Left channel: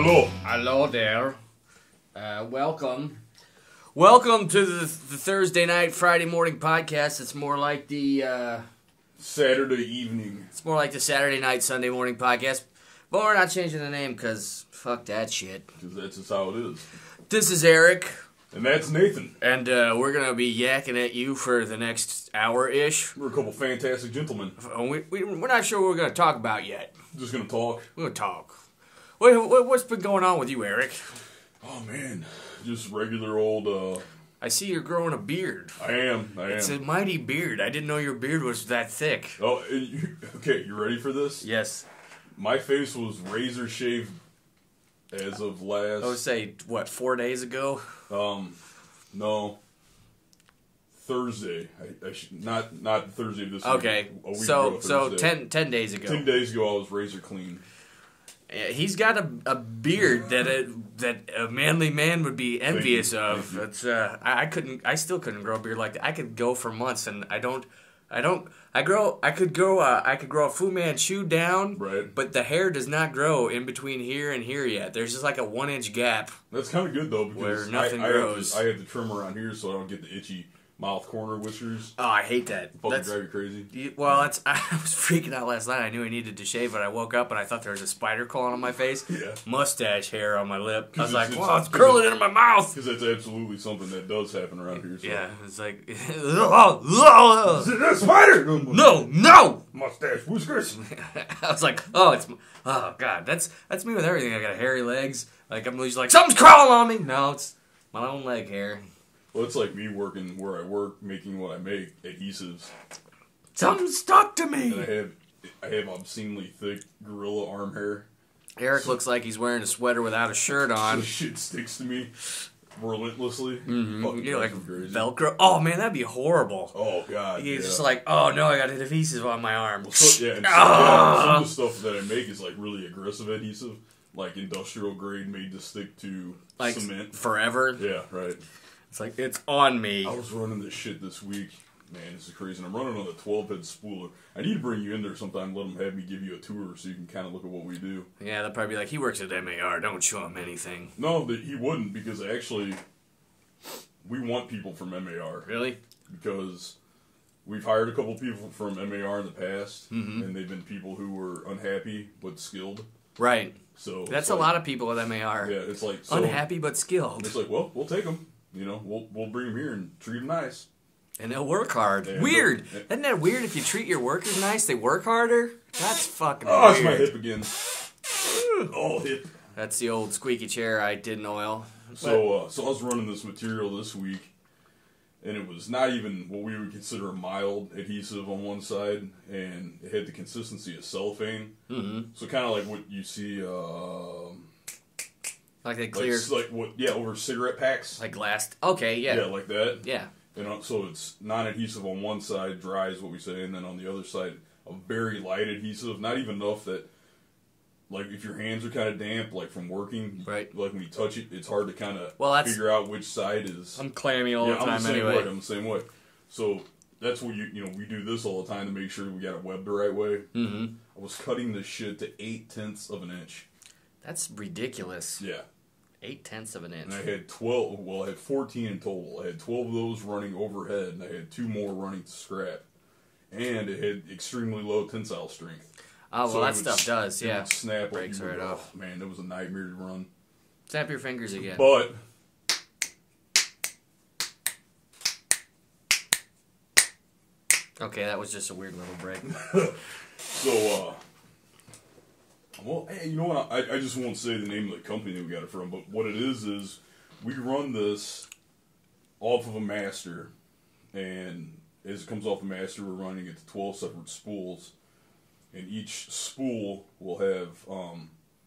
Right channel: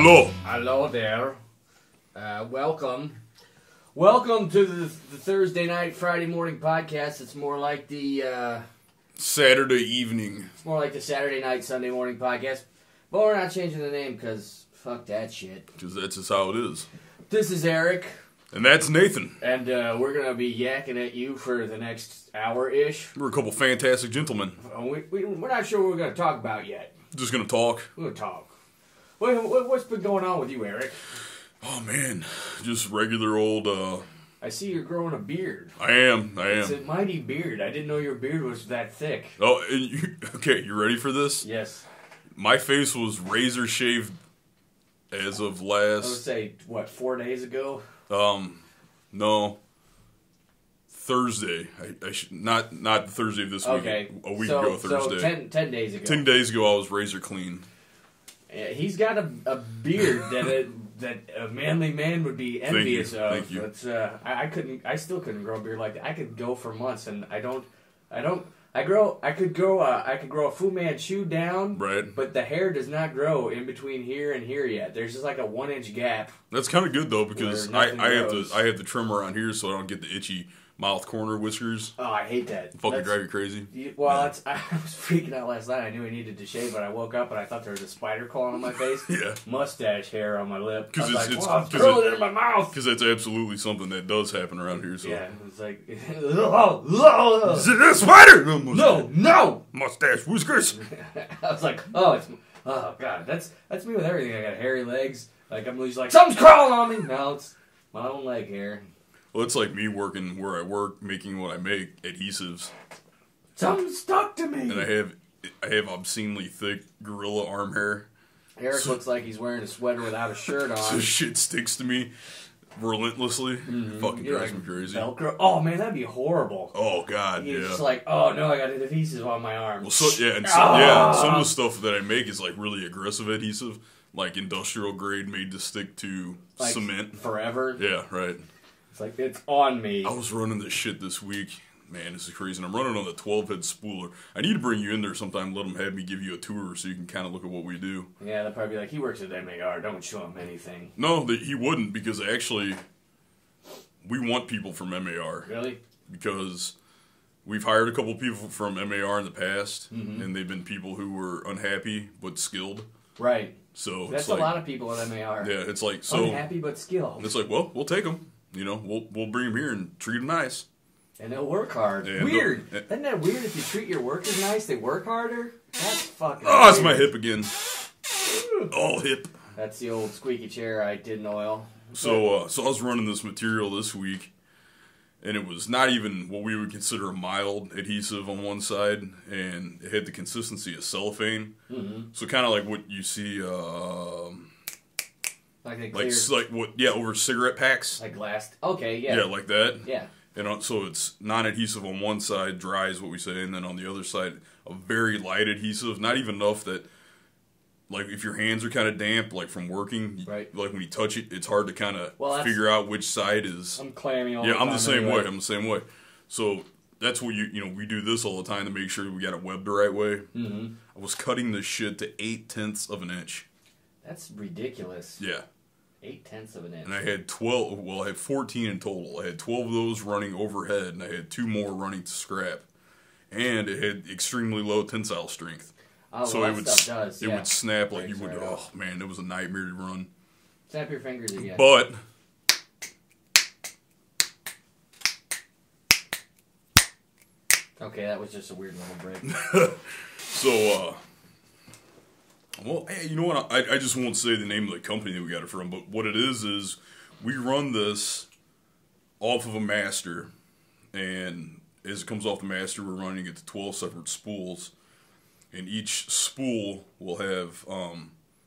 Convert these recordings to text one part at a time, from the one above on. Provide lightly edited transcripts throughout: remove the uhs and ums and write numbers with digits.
Hello. Hello there. Welcome. Welcome to the Thursday night, Friday morning podcast. It's more like the Saturday evening. It's more like the Saturday night, Sunday morning podcast. But we're not changing the name because fuck that shit. Because that's just how it is. This is Eric. And that's Nathan. And we're going to be yakking at you for the next hour-ish. We're a couple fantastic gentlemen. We're not sure what we're going to talk about yet. Just going to talk. We're going to talk. What's been going on with you, Eric? Oh, man. Just regular old... I see you're growing a beard. I am. It's a mighty beard. I didn't know your beard was that thick. Oh, okay, you ready for this? Yes. My face was razor shaved as of last... I would say, 4 days ago? No. Thursday. I should not the Thursday of this week. Okay. A week ago Thursday. So 10 days ago. 10 days ago I was razor clean. Yeah, he's got a beard that a manly man would be envious of. Thank you. That's I still couldn't grow a beard like that. I could go for months and I could grow a Fu Manchu down, right? But the hair does not grow in between here and here yet. There's just like a 1 inch gap. That's kind of good though because I have to trim around here so I don't get the itchy mouth corner whiskers. Oh, I hate that. Fucking drive you crazy. Well, I was freaking out last night. I knew I needed to shave, but I woke up and I thought there was a spider crawling on my face. Yeah. Mustache hair on my lip. I was it's curling into my mouth. Because that's absolutely something that does happen around here. So. Yeah, it's like, is it a spider? No, mustache whiskers. I was like, oh god, that's me with everything. I got hairy legs. Like I'm just like something's crawling on me. No, it's my own leg hair. Well, it's like me working where I work, making what I make, adhesives. Something stuck to me. And I have obscenely thick gorilla arm hair. Eric looks like he's wearing a sweater without a shirt on. So shit sticks to me relentlessly. Mm-hmm. Fucking drives me crazy. Velcro. Oh man, that'd be horrible. Oh god, You're just like, oh no, I got adhesive on my arm. Well, some of the stuff that I make is like really aggressive adhesive, like industrial grade, made to stick to like cement forever. Yeah, right. It's like, it's on me. I was running this shit this week. Man, this is crazy. And I'm running on the 12-head spooler. I need to bring you in there sometime, let them have me give you a tour so you can kind of look at what we do. Yeah, they'll probably be like, he works at MAR, don't show him anything. No, he wouldn't, because actually, we want people from MAR. Really? Because we've hired a couple people from MAR in the past, and they've been people who were unhappy but skilled. Right. So that's a lot of people at MAR. Yeah, it's like... unhappy but skilled. It's like, well, we'll take them. You know, we'll bring them here and treat them nice. And they'll work hard. Yeah, weird. Isn't that weird if you treat your workers nice, they work harder? That's fucking weird. That's my hip again. All hip. That's the old squeaky chair I didn't oil. So I was running this material this week, and it was not even what we would consider a mild adhesive on one side, and it had the consistency of cellophane. Mm-hmm. So kind of like what you see... like a clear... over cigarette packs. Like glass... Okay, yeah. Yeah, like that. Yeah. And so it's non-adhesive on one side, dry is what we say, and then on the other side, a very light adhesive. Not even enough that, like, if your hands are kind of damp, like, from working, right. Like, when you touch it, it's hard to kind of figure out which side is... I'm clammy all the time. Yeah, I'm the same anyway. way. I'm the same way. So that's what we do this all the time to make sure we got it webbed the right way. Mm-hmm. I was cutting this shit to 0.8 of an inch. That's ridiculous. Yeah. 0.8 of an inch. And I had 12, well, I had 14 in total. I had 12 of those running overhead, and I had 2 more running to scrap. And it had extremely low tensile strength. Oh, well, so that stuff does, It would snap like you would, right oh, man, it was a nightmare to run. Snap your fingers again. But... Okay, that was just a weird little break. So, well, hey, you know what? I just won't say the name of the company that we got it from, but what it is we run this off of a master, and as it comes off the master, we're running it to 12 separate spools, and each spool will have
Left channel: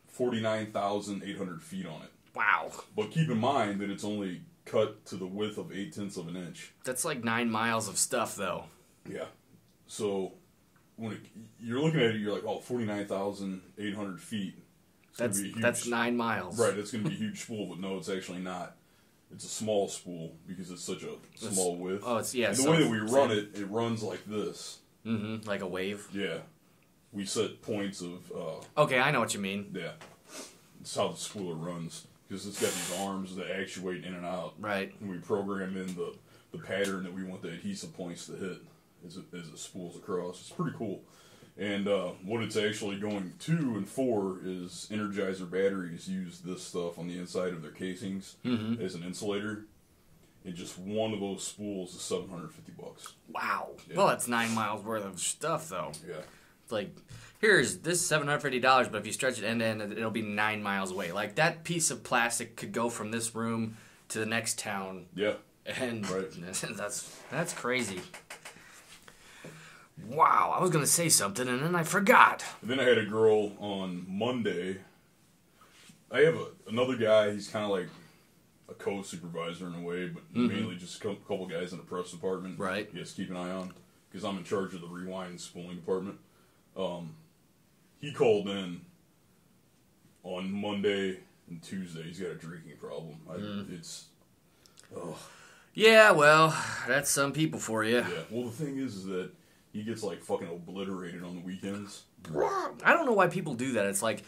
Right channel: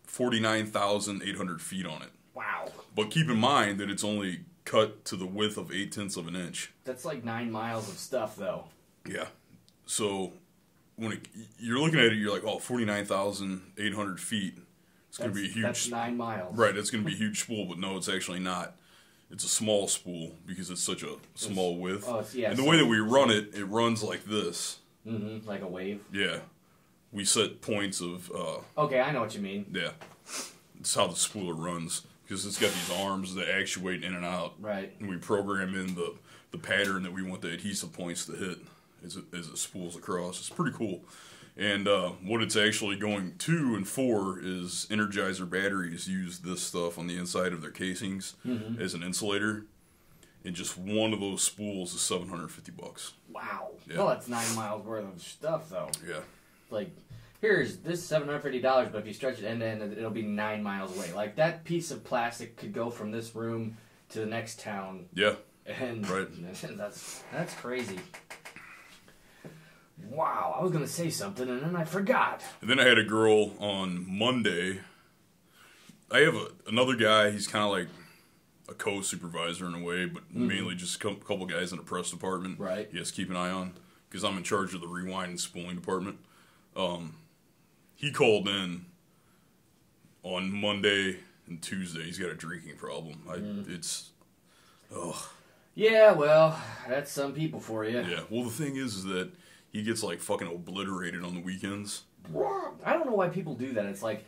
49,800 feet on it. Wow. But keep in mind that it's only cut to the width of 0.8 of an inch. That's like 9 miles of stuff, though. Yeah. So... when you're looking at it, you're like, 49,800 feet. It's going to be a huge... That's 9 miles. Right, it's going to be a huge spool, but no, it's actually not. It's a small spool because it's such a small width. Oh, it's, yeah. And the way that we run it, it runs like this. Mm-hmm, like a wave? Yeah. We set points of... okay, I know what you mean. Yeah. it's how the spooler runs. Because it's got these arms that actuate in and out. Right. And we program in the pattern that we want the adhesive points to hit as it spools across. It's pretty cool. And what it's actually going to and for is Energizer batteries use this stuff on the inside of their casings as an insulator. And just one of those spools is $750. Wow. Yeah. Well, that's 9 miles worth of stuff, though. Yeah. It's like, here's this $750, but if you stretch it end to end, it'll be 9 miles away. Like, that piece of plastic could go from this room to the next town. Yeah. And right. That's crazy. Wow, I was going to say something, and then I forgot. And then I had a girl on Monday. I have another guy, he's kind of like a co-supervisor in a way, but mainly just a couple guys in the press department. Right. He has to keep an eye on, because I'm in charge of the rewind and spooling department. He called in on Monday and Tuesday. He's got a drinking problem. Yeah, well, that's some people for you. Yeah, well, the thing is that he gets, like, fucking obliterated on the weekends. I don't know why people do that. It's like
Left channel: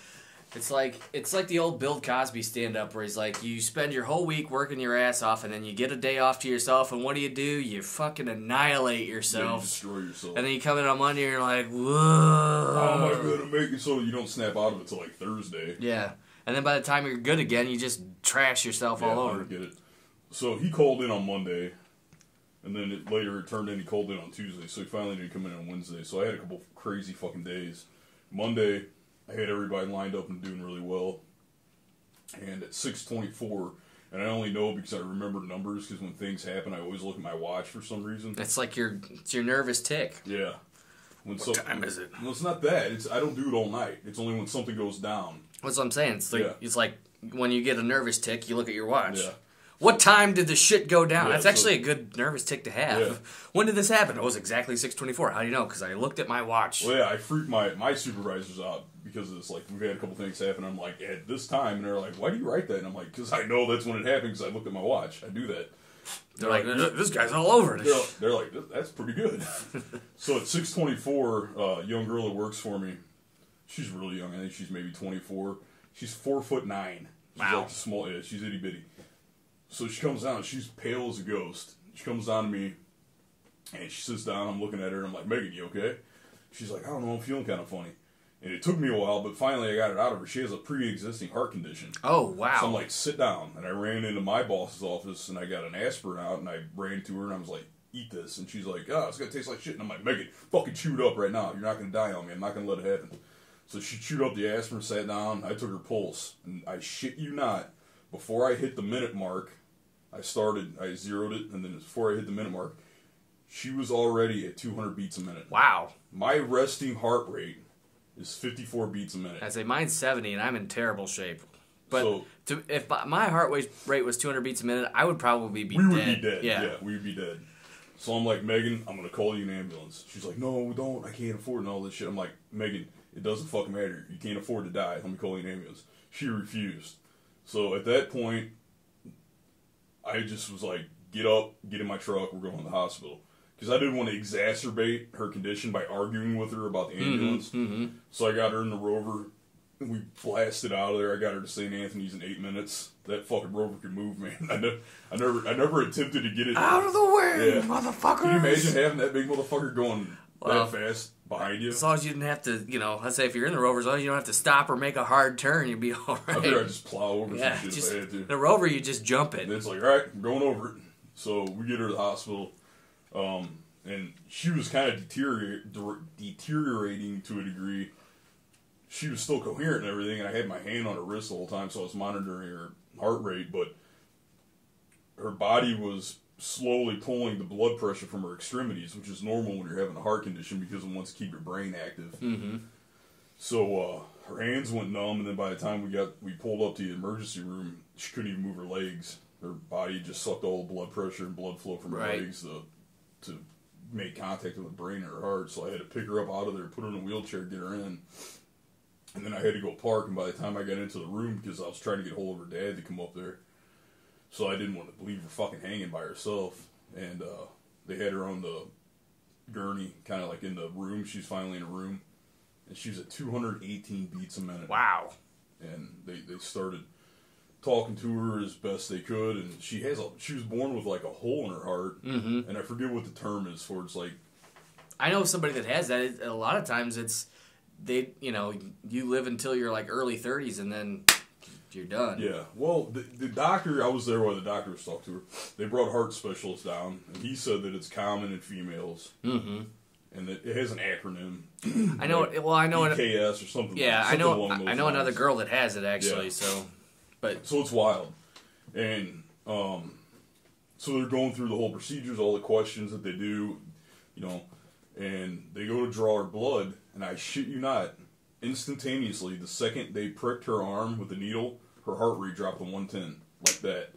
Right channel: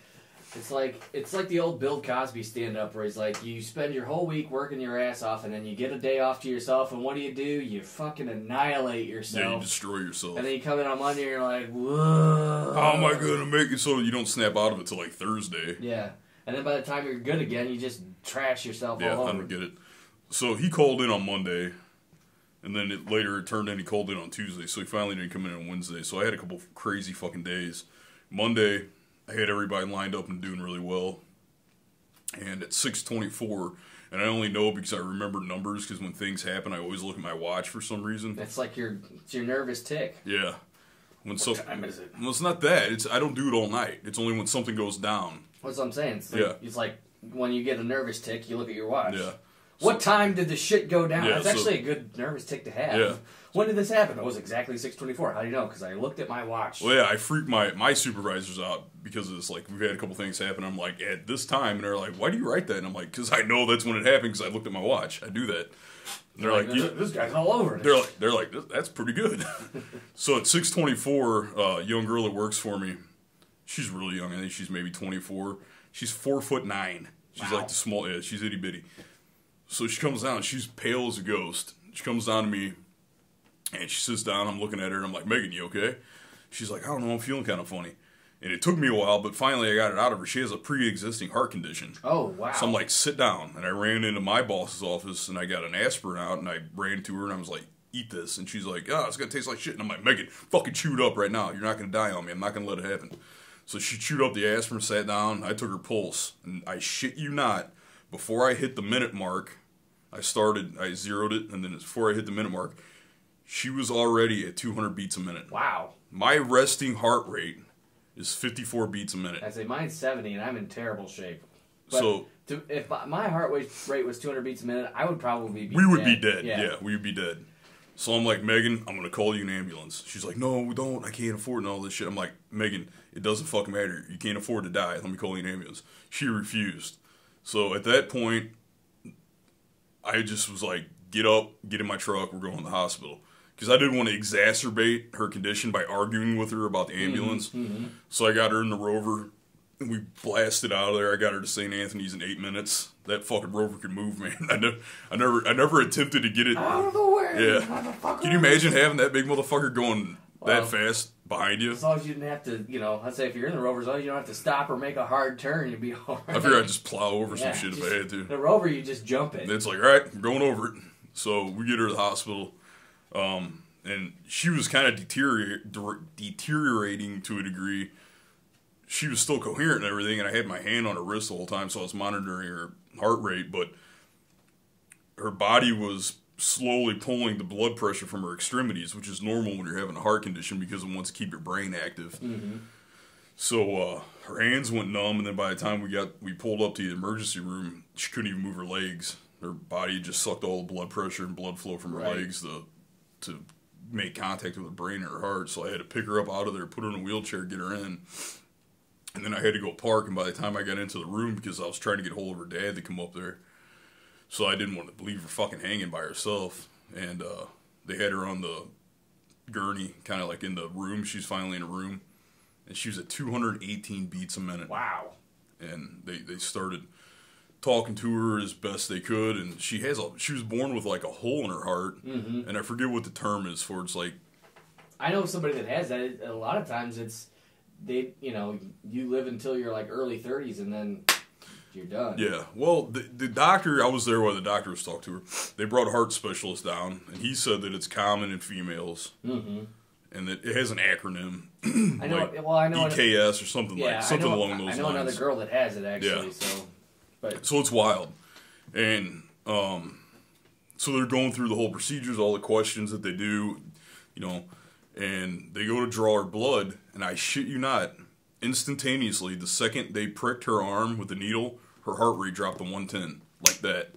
the old Bill Cosby stand-up where he's like, you spend your whole week working your ass off, and then you get a day off to yourself, and what do? You fucking annihilate yourself. Yeah, you destroy yourself. And then you come in on Monday, and you're like, whoa. How am I going to make it so you don't snap out of it till, like, Thursday? Yeah. And then by the time you're good again, you just trash yourself all over. Yeah, I don't get it. So he called in on Monday, and then later it turned in he called in on Tuesday, so he finally didn't come in on Wednesday. So I had a couple crazy fucking days. Monday, I had everybody lined up and doing really well. And at 6:24, and I only know because I remember numbers, because when things happen, I always look at my watch for some reason. That's like it's your nervous tick. Yeah. What time is it? Well, it's not that. I don't do it all night. It's only when something goes down. That's what I'm saying. It's like when you get a nervous tick, you look at your watch. Yeah. What time did the shit go down? Yeah, That's actually a good nervous tick to have. Yeah. When did this happen? It was exactly 6:24. How do you know? Because I looked at my watch. Well, yeah, I freaked my supervisors out because of this. Like, we've had a couple things happen. I'm like, at this time, and they're like, why do you write that? And I'm like, because I know that's when it happened because I looked at my watch. I do that. They're like, this guy's all over it. They're like, that's pretty good. So at 6:24, a young girl that works for me, she's really young. I think she's maybe 24. She's 4'9". She's like the small, she's itty bitty. So she comes down, she's pale as a ghost. She comes down to me, and she sits down, I'm looking at her, and I'm like, Megan, you okay? She's like, I don't know, I'm feeling kind of funny. And it took me a while, but finally I got it out of her. She has a pre-existing heart condition. Oh, wow. So I'm like, sit down. And I ran into my boss's office, and I got an aspirin out, and I ran to her, and I was like, eat this. And she's like, it's going to taste like shit. And I'm like, Megan, fucking chew it up right now. You're not going to die on me. I'm not going to let it happen. So she chewed up the aspirin, sat down, I took her pulse. And I shit you not, before I hit the minute mark, I zeroed it, and then before I hit the minute mark, she was already at 200 beats a minute. Wow. My resting heart rate is 54 beats a minute. I say mine's 70, and I'm in terrible shape. But so if my heart rate was 200 beats a minute, I would probably be dead. We would dead. be dead. Yeah, we would be dead. So I'm like, Megan, I'm going to call you an ambulance. She's like, no, don't. I can't afford it and all this shit. I'm like, Megan, it doesn't fucking matter. You can't afford to die. Let me call you an ambulance. She refused. So at that point, I just was like, get up, get in my truck, we're going to the hospital. Because I didn't want to exacerbate her condition by arguing with her about the ambulance. So I got her in the Rover, and we blasted out of there. I got her to St. Anthony's in 8 minutes. That fucking Rover could move, man. I never attempted to get it out of the way, motherfucker. Can you imagine having that big motherfucker going that fast behind you? As long as you didn't have to, let's say if you're in the Rover, as long as you don't have to stop or make a hard turn, you'd be all right. I figured I'd just plow over some shit if I had to. The Rover, you just jump it. And it's like, all right, I'm going over it. So we get her to the hospital. And she was kind of deteriorating to a degree. She was still coherent and everything, and I had my hand on her wrist the whole time, so I was monitoring her heart rate, but her body was slowly pulling the blood pressure from her extremities, which is normal when you're having a heart condition because it wants to keep your brain active. So her hands went numb, and then by the time we pulled up to the emergency room, she couldn't even move her legs. Her body just sucked all the blood pressure and blood flow from her legs to make contact with her brain and her heart. So I had to pick her up out of there, put her in a wheelchair, get her in. And then I had to go park, and by the time I got into the room, because I was trying to get hold of her dad to come up there, so I didn't want to leave her fucking hanging by herself. And they had her on the gurney, kind of like in the room. She's finally in a room. And she was at 218 beats a minute. Wow. and they started talking to her as best they could, and she was born with like a hole in her heart, and I forget what the term is for. It's like, I know somebody that has that. A lot of times you live until you're like early 30s, and then you're done. Yeah. Well, the doctor, I was there while the doctor was talking to her. They brought a heart specialist down, and he said that it's common in females, and that it has an acronym. I know. Like I know. EKS or something. Yeah, like something along those lines. I know another girl that has it actually. Yeah. So it's wild, and so they're going through the whole procedures, all the questions that they do, and they go to draw her blood, and I shit you not, instantaneously, the second they pricked her arm with the needle, her heart rate dropped to 110, like that.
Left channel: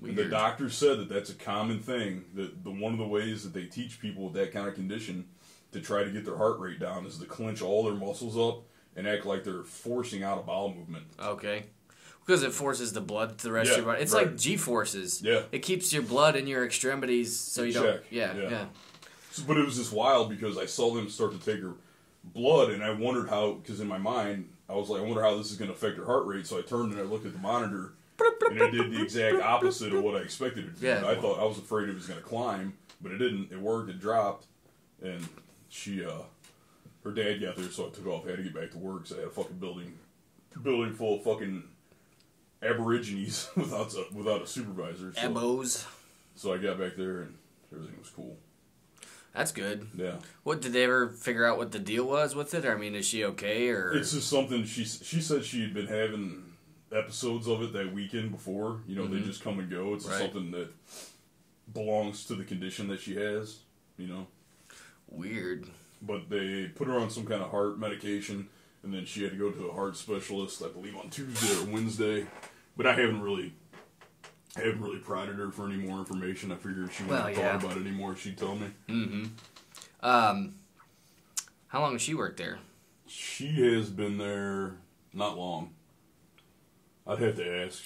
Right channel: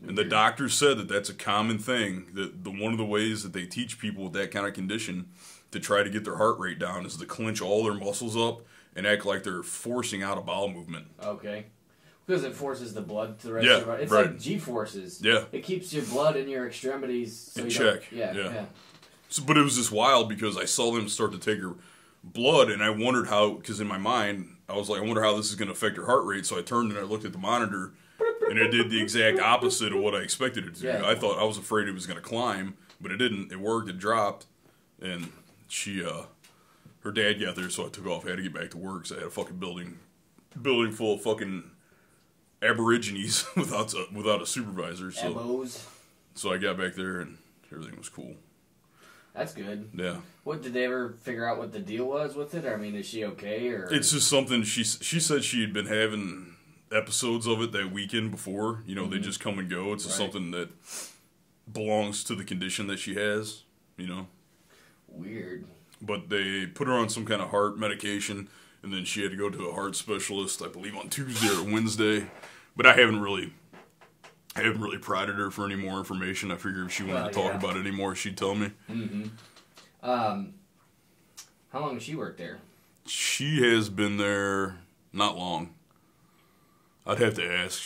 Weird. And the doctor said that that's a common thing, that one of the ways that they teach people with that kind of condition to try to get their heart rate down is to clench all their muscles up and act like they're forcing out a bowel movement. Okay. Because it forces the blood to the rest of your body. It's like G-forces. Yeah. It keeps your blood in your extremities so you don't... Yeah. So, but it was just wild because I saw them start to take her blood, and I wondered how, because in my mind, I was like, I wonder how this is going to affect her heart rate. So I turned and I looked at the monitor, and it did the exact opposite of what I expected it to do. Yeah. I was afraid it was going to climb, but it didn't. It worked. It dropped, and her dad got there, so I took off. I had to get back to work, so I had a fucking building full of fucking Aborigines without a supervisor. So, Abos. So I got back there, and everything was cool. That's good. Yeah. What, did they ever figure out what the deal was with it? Or, I mean, is she okay? Or it's just something she said she had been having episodes of it that weekend before. They just come and go. It's just something that belongs to the condition that she has. Weird. But they put her on some kind of heart medication, and then she had to go to a heart specialist, I believe, on Tuesday or Wednesday. But I haven't really prodded her for any more information. I figured if she wanted to talk about it anymore, she'd tell me. Mm-hmm. How long has she worked there? She has been there not long. I'd have to ask.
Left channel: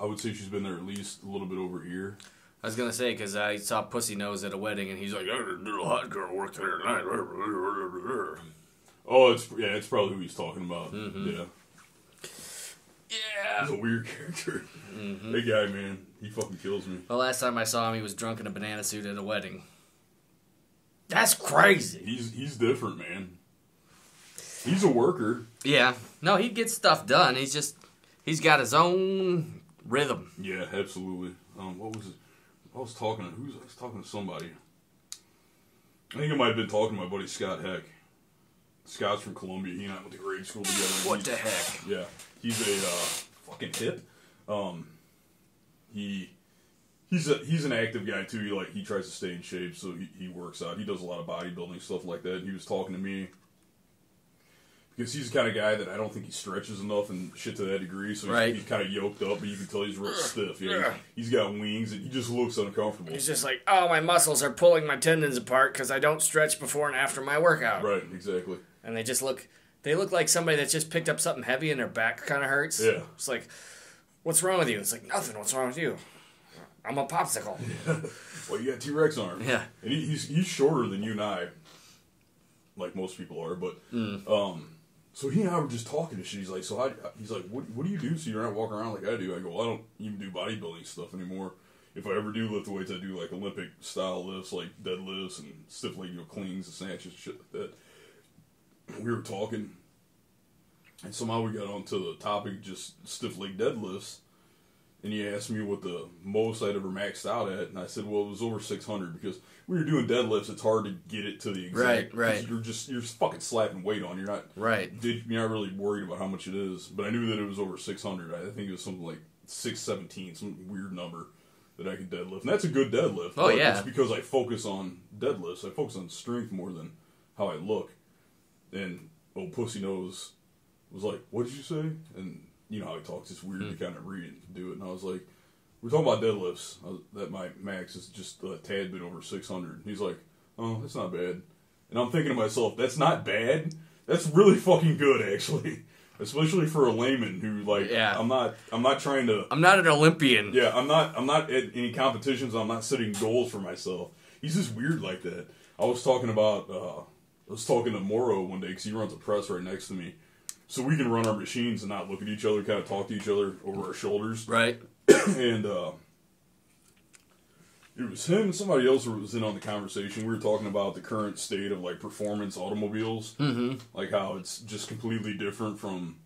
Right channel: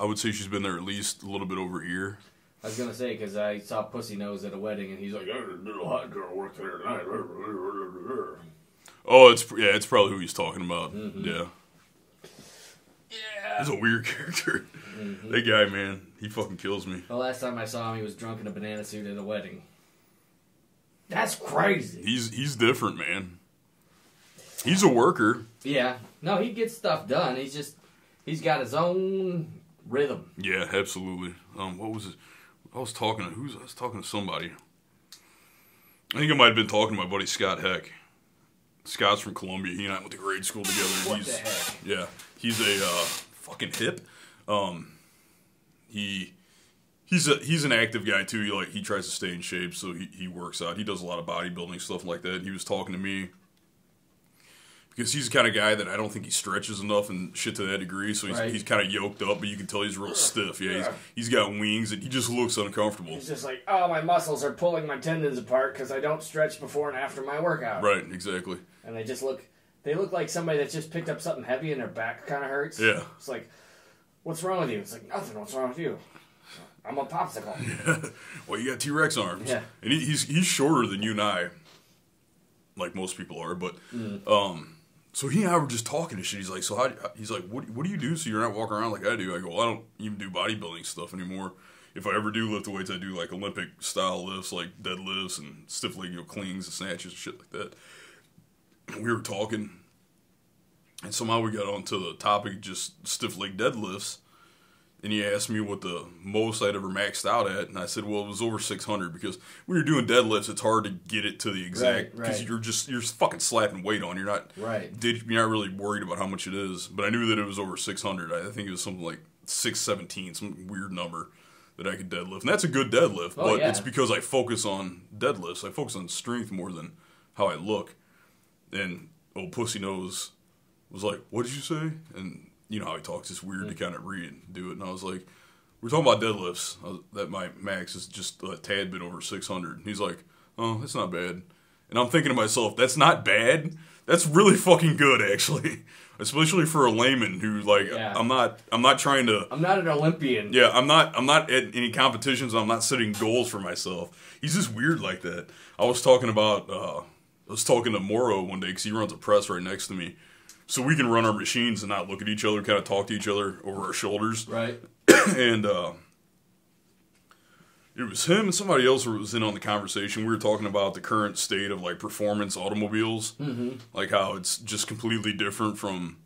I would say she's been there at least a little bit over a year. I was going to say, because I saw Pussy Nose at a wedding, and he's like, "Little hot girl worked there tonight." Oh, it's probably who he's talking about. Mm-hmm. Yeah. Yeah. He's a weird character. Mm-hmm. That guy, man, he fucking kills me. The last time I saw him, he was drunk in a banana suit at a wedding. That's crazy. He's different, man. He's a worker. Yeah. No, he gets stuff done. He's got his own rhythm. Yeah, absolutely. What was it? I was talking to somebody. I think I might have been talking to my buddy Scott Heck. Scott's from Columbia. He and I went to grade school together. What the heck? Yeah. He's a fucking hip. He's an active guy too. He tries to stay in shape, so he works out. He does a lot of bodybuilding stuff like that. He was talking to me because he's the kind of guy that I don't think he stretches enough and shit to that degree. So he's kind of yoked up, but you can tell he's real stiff. Yeah, he's got wings and he just looks uncomfortable. He's just like, oh, my muscles are pulling my tendons apart because I don't stretch before and after my workout. Right, exactly. And they look like somebody that just picked up something heavy and their back kind of hurts. Yeah. It's like, what's wrong with you? It's like, nothing. What's wrong with you? I'm a popsicle. Yeah. Well, you got T-Rex arms. Yeah. And he's shorter than you and I, like most people are. But so he and I were just talking and shit. He's like, what do you do so you're not walking around like I do? I go, well, I don't even do bodybuilding stuff anymore. If I ever do lift weights, I do like Olympic style lifts, like deadlifts and stiff leg cleans and snatches and shit like that. And we were talking, and somehow we got onto the topic of just stiff leg deadlifts. And he asked me what the most I'd ever maxed out at, and I said, well, it was over 600, because when you're doing deadlifts, it's hard to get it to the exact, right. Because you're fucking slapping weight on. You're not really worried about how much it is. But I knew that it was over 600. I think it was something like 617, some weird number that I could deadlift, and that's a good deadlift. Oh, yeah. It's because I focus on deadlifts. I focus on strength more than how I look. And old Pussy Nose was like, "What did you say?" And you know how he talks, it's weird to kind of read and do it. And I was like, we're talking about deadlifts, that my max is just a tad bit over 600. And he's like, oh, that's not bad. And I'm thinking to myself, that's not bad? That's really fucking good, actually. Especially for a layman who, I'm not trying to... I'm not an Olympian. Yeah, I'm not at any competitions. I'm not setting goals for myself. He's just weird like that. I was talking to Morrow one day, because he runs a press right next to me. so we can run our machines and not look at each other, kind of talk to each other over our shoulders. Right. And it was him and somebody else who was in on the conversation. We were talking about the current state of like performance automobiles, like how it's just completely different from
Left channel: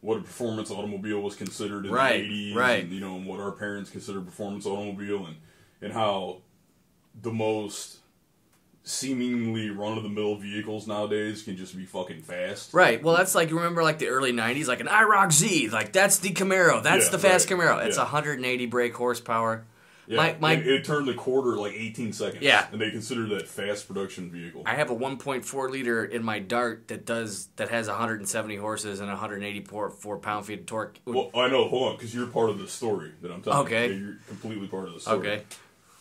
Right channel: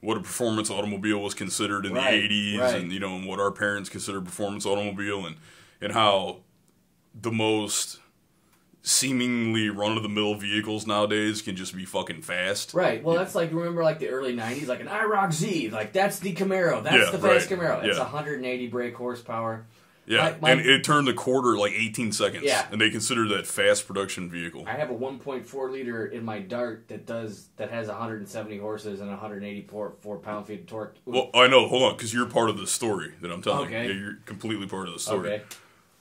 what a performance automobile was considered in the 80s, and and what our parents considered performance automobile, and how the most seemingly run-of-the-mill vehicles nowadays can just be fucking fast. Right. Well, that's like, remember like the early 90s, like an IROC Z, like that's the Camaro. That's the fast Camaro. It's 180 brake horsepower. Yeah, and it turned the quarter like 18 seconds. Yeah. And they consider that fast production vehicle. I have a 1.4 liter in my Dart that has 170 horses and 184 pound-feet of torque. Well, I know. Hold on, because you're part of the story that I'm telling you. Okay. Yeah, you're completely part of the story. Okay.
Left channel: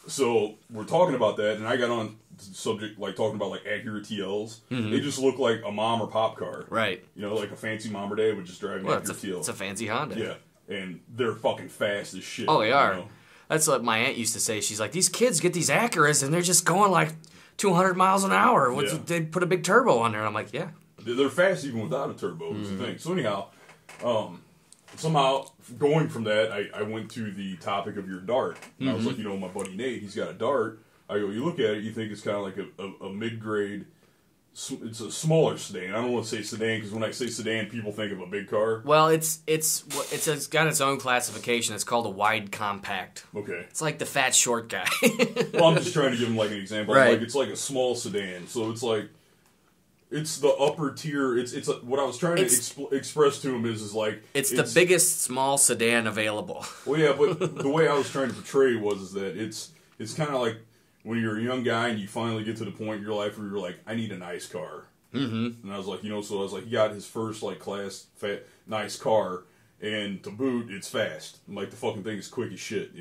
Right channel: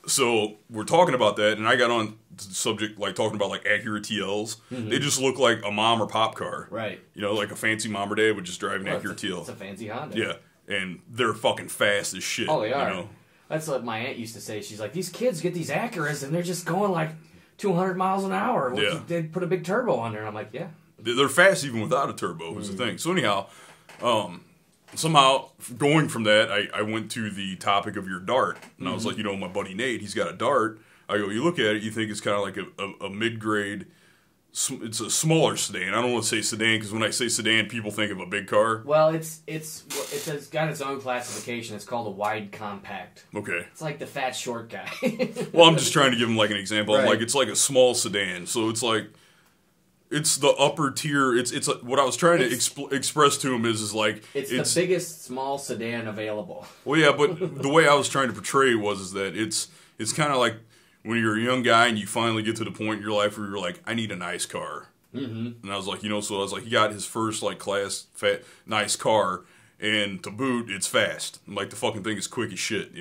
So we're talking about that, and I got on the subject, like talking about like Acura TLs. They just look like a mom or pop car. Right. You know, like a fancy mom or dad would just drive an Acura TL. It's a fancy Honda. Yeah, and they're fucking fast as shit. Oh, they are. You know? That's what my aunt used to say. She's like, these kids get these Acuras, and they're just going like 200 miles an hour. They put a big turbo on there. I'm like, yeah. They're fast even without a turbo is the thing. So anyhow, somehow going from that, I went to the topic of your Dart. And I was like, my buddy Nate, he's got a Dart. I go, you look at it, you think it's kind of like a mid-grade, it's a smaller sedan. I don't want to say sedan because when I say sedan, people think of a big car. Well, it's got its own classification. It's called a wide compact. Okay. It's like the fat short guy. Well, I'm just trying to give him like an example. Right. I'm like, it's like a small sedan. So it's like, it's the upper tier. It's what I was trying to express to him is like it's the biggest small sedan available. Well, yeah, but the way I was trying to portray was that it's kind of like when you're a young guy and you finally get to the point in your life where you're like, I need a nice car. And I was like, so I was like, he got his first like class nice car, and to boot, it's fast. And, like the fucking thing is quick as shit,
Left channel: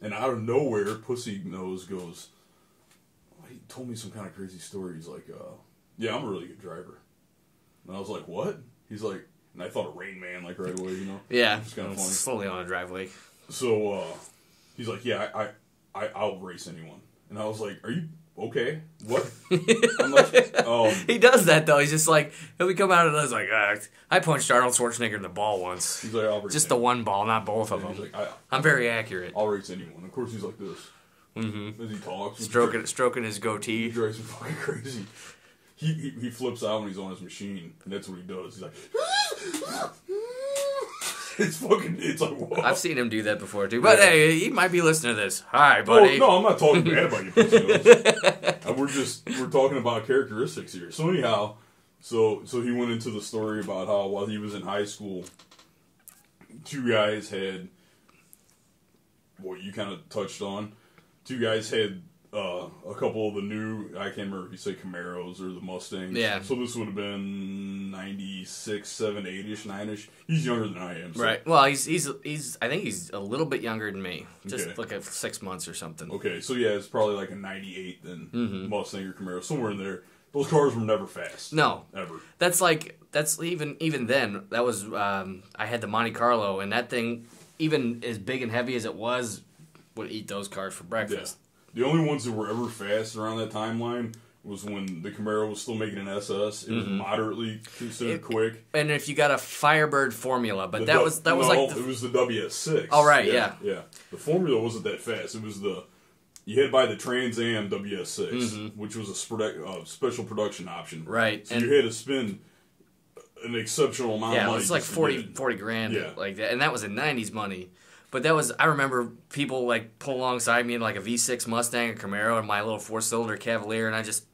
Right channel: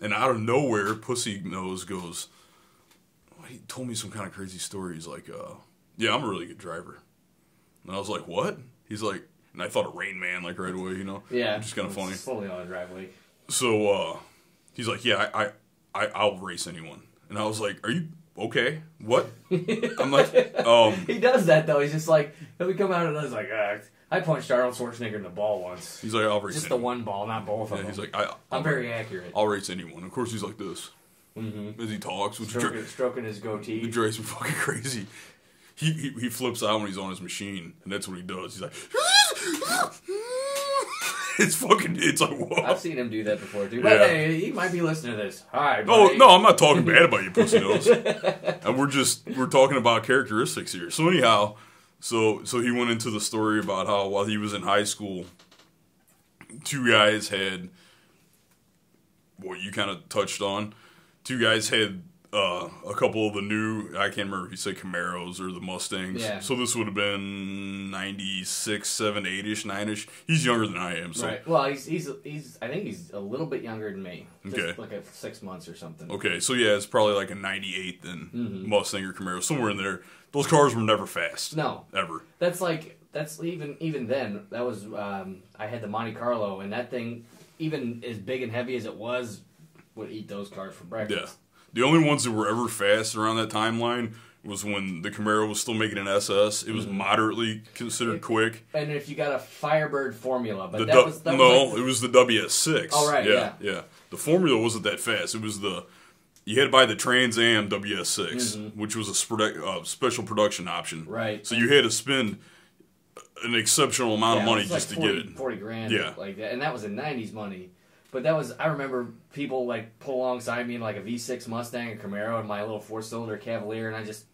And out of nowhere, Pussy Nose goes, he told me some kind of crazy story. He's like, yeah, I'm a really good driver. And I was like, what? He's like, and I thought of Rain Man like right away, Yeah. Which is kind of funny. Slowly on a driveway. So he's like, yeah, I'll race anyone. And I was like, are you okay? What? I'm like, he does that though. He's just like, he'll be coming out and I was like, I punched Arnold Schwarzenegger in the ball once. He's like, I'll race just anyone. the one ball, not both of them. He's like, I'm very accurate. I'll race anyone. Of course, he's like this. As he talks, stroking his goatee. He drives me fucking crazy. He flips out when he's on his machine, and that's what he does. He's like, it's like, whoa. I've seen him do that before too. But hey, he might be listening to this. Hi, buddy. No, I'm not talking bad about you, Pussy Nose. And we're talking about characteristics here. So anyhow, so he went into the story about how while he was in high school, two guys had what you kind of touched on. Two guys had a couple of the new, I can't remember if you say Camaros or the Mustangs. Yeah. So this would have been 96, 7, 8-ish, 9-ish. He's younger than I am. So. Right. Well, he's I think he's a little bit younger than me. Just Okay. like 6 months or something. Okay, so yeah, it's probably like a 98 then, Mustang or Camaro, somewhere in there. Those cars were never fast. No. Ever. That's even then, that was, I had the Monte Carlo, and that thing, even as big and heavy as it was, would eat those cars for breakfast. Yeah. The only ones that were ever fast around that timeline was when the Camaro was still making an SS. It was moderately considered quick. And if you got a Firebird Formula, but it was the WS6. Oh, right, yeah. The Formula wasn't that fast. It was you had to buy the Trans Am WS6, which was a special production option. Right. So you had to spend an exceptional amount of money it was like just 40, to get it. 40 grand. Yeah. Like that. And that was in 90s money. But that was, I remember people like pull alongside me in like a V6 Mustang or Camaro and my little 4-cylinder Cavalier, and I just...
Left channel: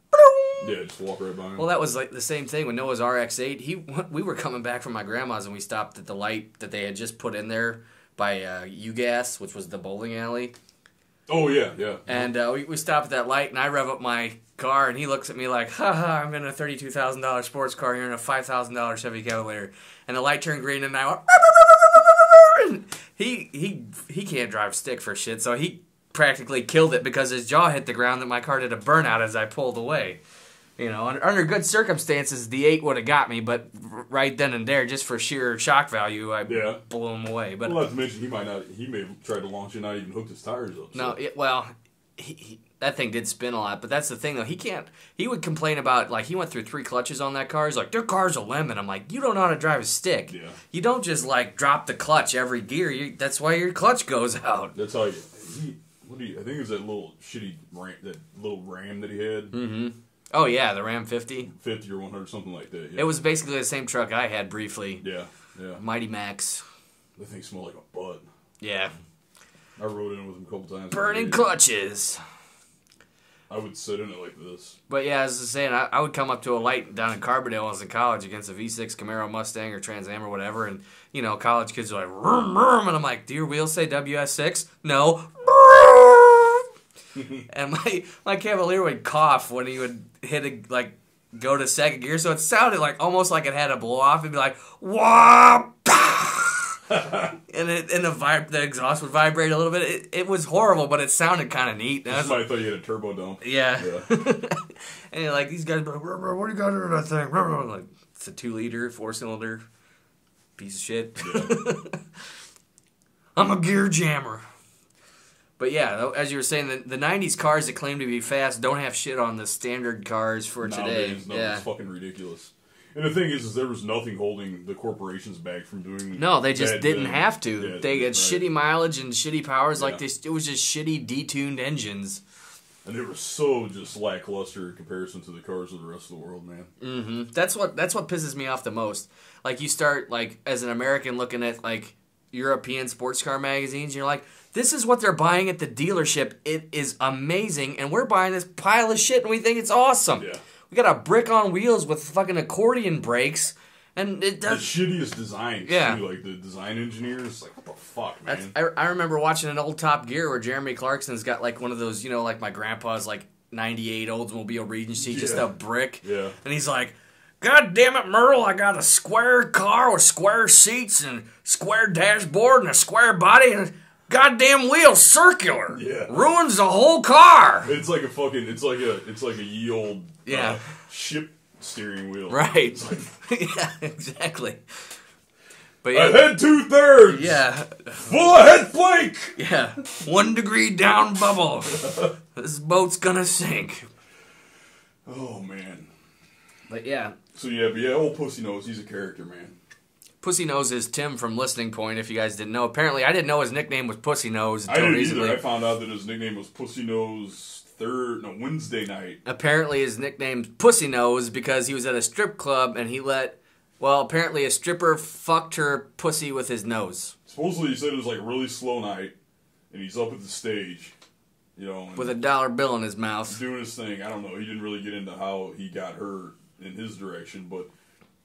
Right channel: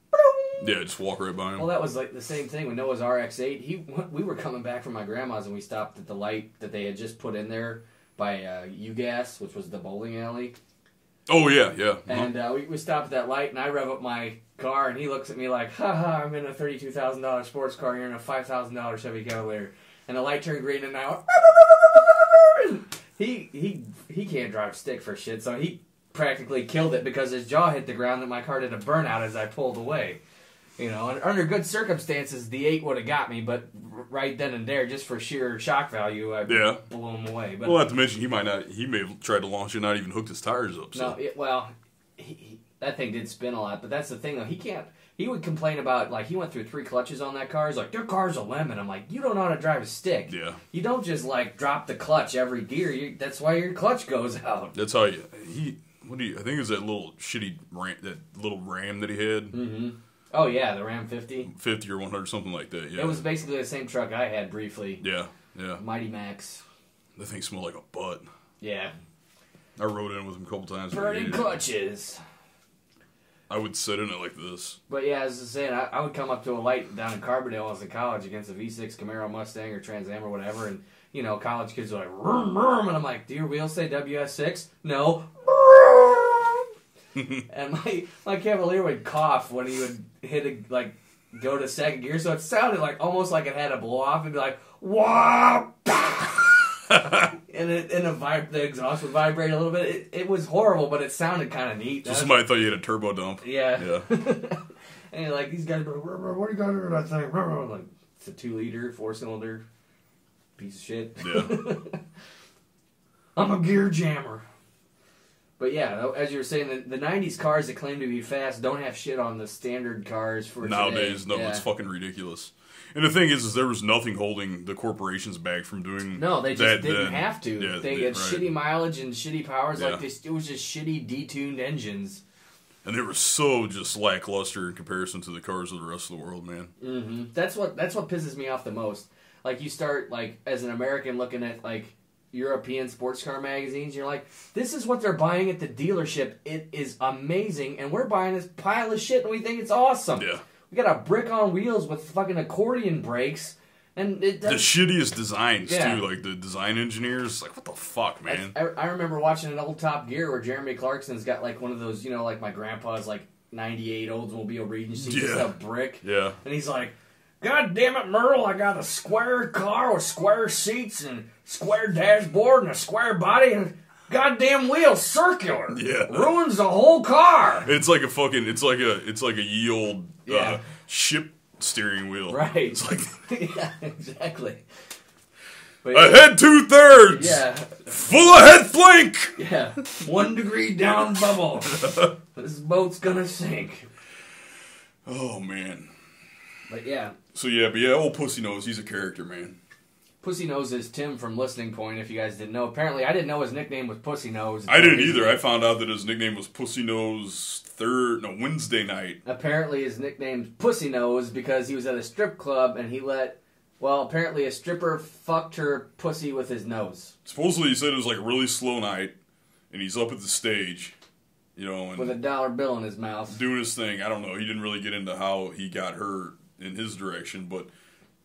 Yeah, just walk right by him. Well, that was like the same thing with Noah's RX-8. We were coming back from my grandma's and we stopped at the light that they had just put in there by UGAS, which was the bowling alley. Oh, yeah, yeah. And we stopped at that light, and I rev up my car, and he looks at me like, ha, I'm in a $32,000 sports car, you're in a $5,000 Chevy Cavalier. And the light turned green, and I went... He can't drive stick for shit, so he practically killed it because his jaw hit the ground that my car did a burnout as I pulled away. You know, under good circumstances, the 8 would have got me, but right then and there, just for sheer shock value, I blew him away. But well, not to mention, he may have tried to launch it and not even hooked his tires up. So. No, that thing did spin a lot. But that's the thing, though. He would complain about, like, he went through 3 clutches on that car. He's like, their car's a lemon. I'm like, you don't know how to drive a stick. Yeah. You don't just, like, drop the clutch every gear. That's why your clutch goes out. That's how I think it was that little shitty Ram that he had. Mm-hmm. Oh, yeah, the Ram 50. 50 or 100, something like that, yeah. It was basically the same truck I had briefly. Yeah, yeah. Mighty Max. That thing smelled like a butt. Yeah. I rode in with him a couple times. Burning clutches. I would sit in it like this. But yeah, as I was saying, I would come up to a light down in Carbondale when I was in college against a V6 Camaro Mustang or Trans Am or whatever, and, you know, college kids are like, vroom, vroom, and I'm like, do your wheels say WS6? No. And my Cavalier would cough when he would go to second gear, so it sounded like almost like it had a blow off. It'd be like, wah, and the exhaust would vibrate a little bit. It was horrible, but it sounded kind of neat. Somebody thought you had a turbo dump. Yeah. And you're like, these guys, what do you got to do with that thing? I'm like, it's a 2-liter, 4-cylinder piece of shit. Yeah. I'm a gear jammer. But yeah, as you were saying, the 90s cars that claim to be fast don't have shit on the standard cars for nowadays. Today. No, it's fucking ridiculous. And the thing is there was nothing holding the corporations back from doing. No, they just didn't have to. Yeah, they had shitty mileage and shitty powers. Like it was just shitty detuned engines. And they were so just lackluster in comparison to the cars of the rest of the world, man. Mm-hmm. That's what pisses me off the most. Like you start as an American looking at European sports car magazines, you're like, this is what they're buying at the dealership. It is amazing, and we're buying this pile of shit, and we think it's awesome. Yeah. We got a brick on wheels with fucking accordion brakes, and it does... The shittiest designs, too. Like, the design engineers, like, what the fuck, man? I remember watching an old Top Gear where Jeremy Clarkson's got, one of those, like my grandpa's, 98 Oldsmobile Regency, just a brick. Yeah. And he's like, God damn it, Merle, I got a square car with square seats and square dashboard and a square body and a goddamn wheel circular. Yeah. Ruins the whole car. It's like a ye old ship steering wheel. Right. It's like yeah, exactly. But a head 2/3. Yeah. Full of head flake. Yeah. 1 degree down bubble. This boat's gonna sink. Oh man. But yeah. So old Pussy Nose, he's a character, man. Pussy Nose is Tim from Listening Point, if you guys didn't know. Apparently, I didn't know his nickname was Pussy Nose. I didn't either. I found out that his nickname was Pussy Nose Wednesday night. Apparently, his nickname's Pussy Nose because he was at a strip club and apparently a stripper fucked her pussy with his nose. Supposedly, he said it was a really slow night, and he's up at the stage, and with a dollar bill in his mouth. Doing his thing. I don't know. He didn't really get into how he got her in his direction, but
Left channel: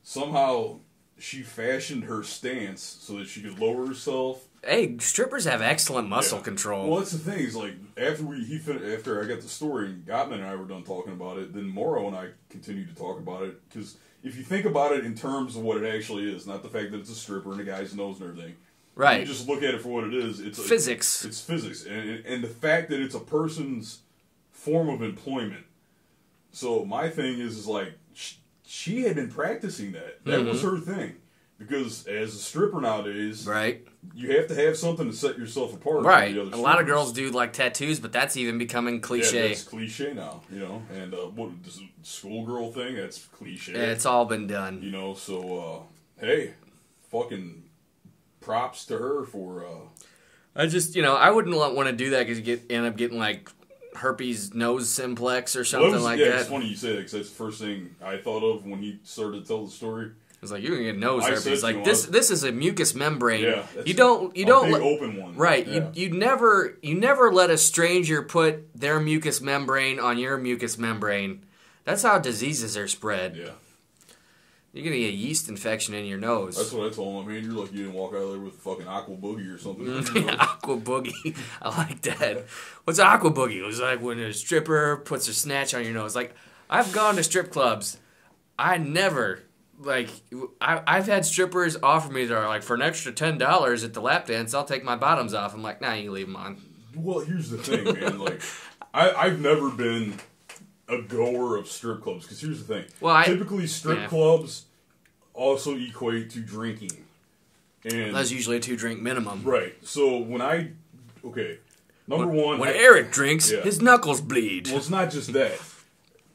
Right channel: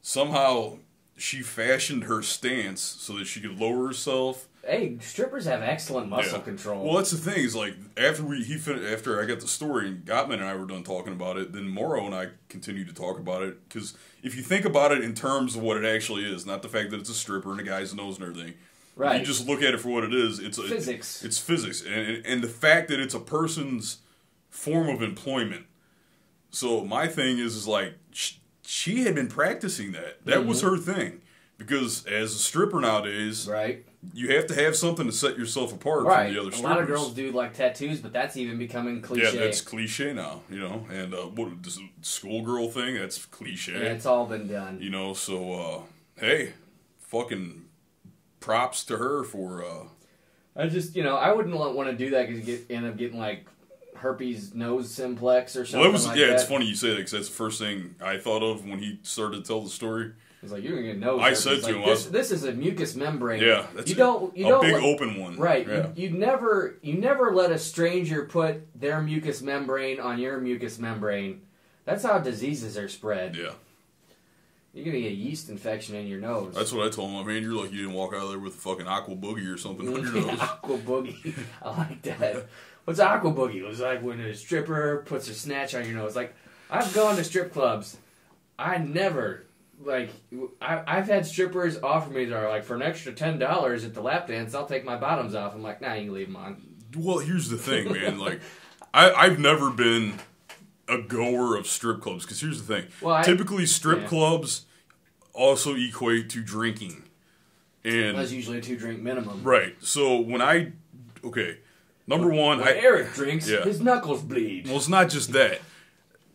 somehow she fashioned her stance so that she could lower herself. Hey, strippers have excellent muscle control. Well, that's the thing is after I got the story and Gottman and I were done talking about it, then Morrow and I continued to talk about it because if you think about it in terms of what it actually is, not the fact that it's a stripper and a guy's nose and everything. Right. You just look at it for what it is. It's physics. It's physics, and the fact that it's a person's form of employment. So my thing is she had been practicing that. That was her thing. Because as a stripper nowadays, right, you have to have something to set yourself apart right. from the other strippers. A lot of girls do tattoos, but that's even becoming cliche. Yeah, that's cliche now, And this schoolgirl thing, that's cliche. Yeah, it's all been done. So, hey, fucking props to her for... I just, I wouldn't want to do that because you end up getting, herpes nose simplex or something like that. Yeah, it's funny you say that because that's the first thing I thought of when he started to tell the story. It's like, you're going to get nose herpes. I said this is a mucus membrane. Yeah. You don't big open one. Right. Yeah. You never let a stranger put their mucus membrane on your mucus membrane. That's how diseases are spread. Yeah. You're going to get a yeast infection in your nose. That's what I told him. I mean, you're like you didn't walk out of there with a fucking aqua boogie or something on your nose. Aqua boogie. I like that. What's aqua boogie? It was like when a stripper puts a snatch on your nose. I've gone to strip clubs. I never... I've had strippers offer me, they're for an extra $10 at the lap dance, I'll take my bottoms off. I'm like, nah, you leave them on. Well, here's the thing, man. I've never been a goer of strip clubs, because here's the thing. Typically, strip clubs also equate to drinking. And that's usually a 2-drink minimum. Right. So, Number one, when Eric drinks, his knuckles bleed. Well, it's not just that.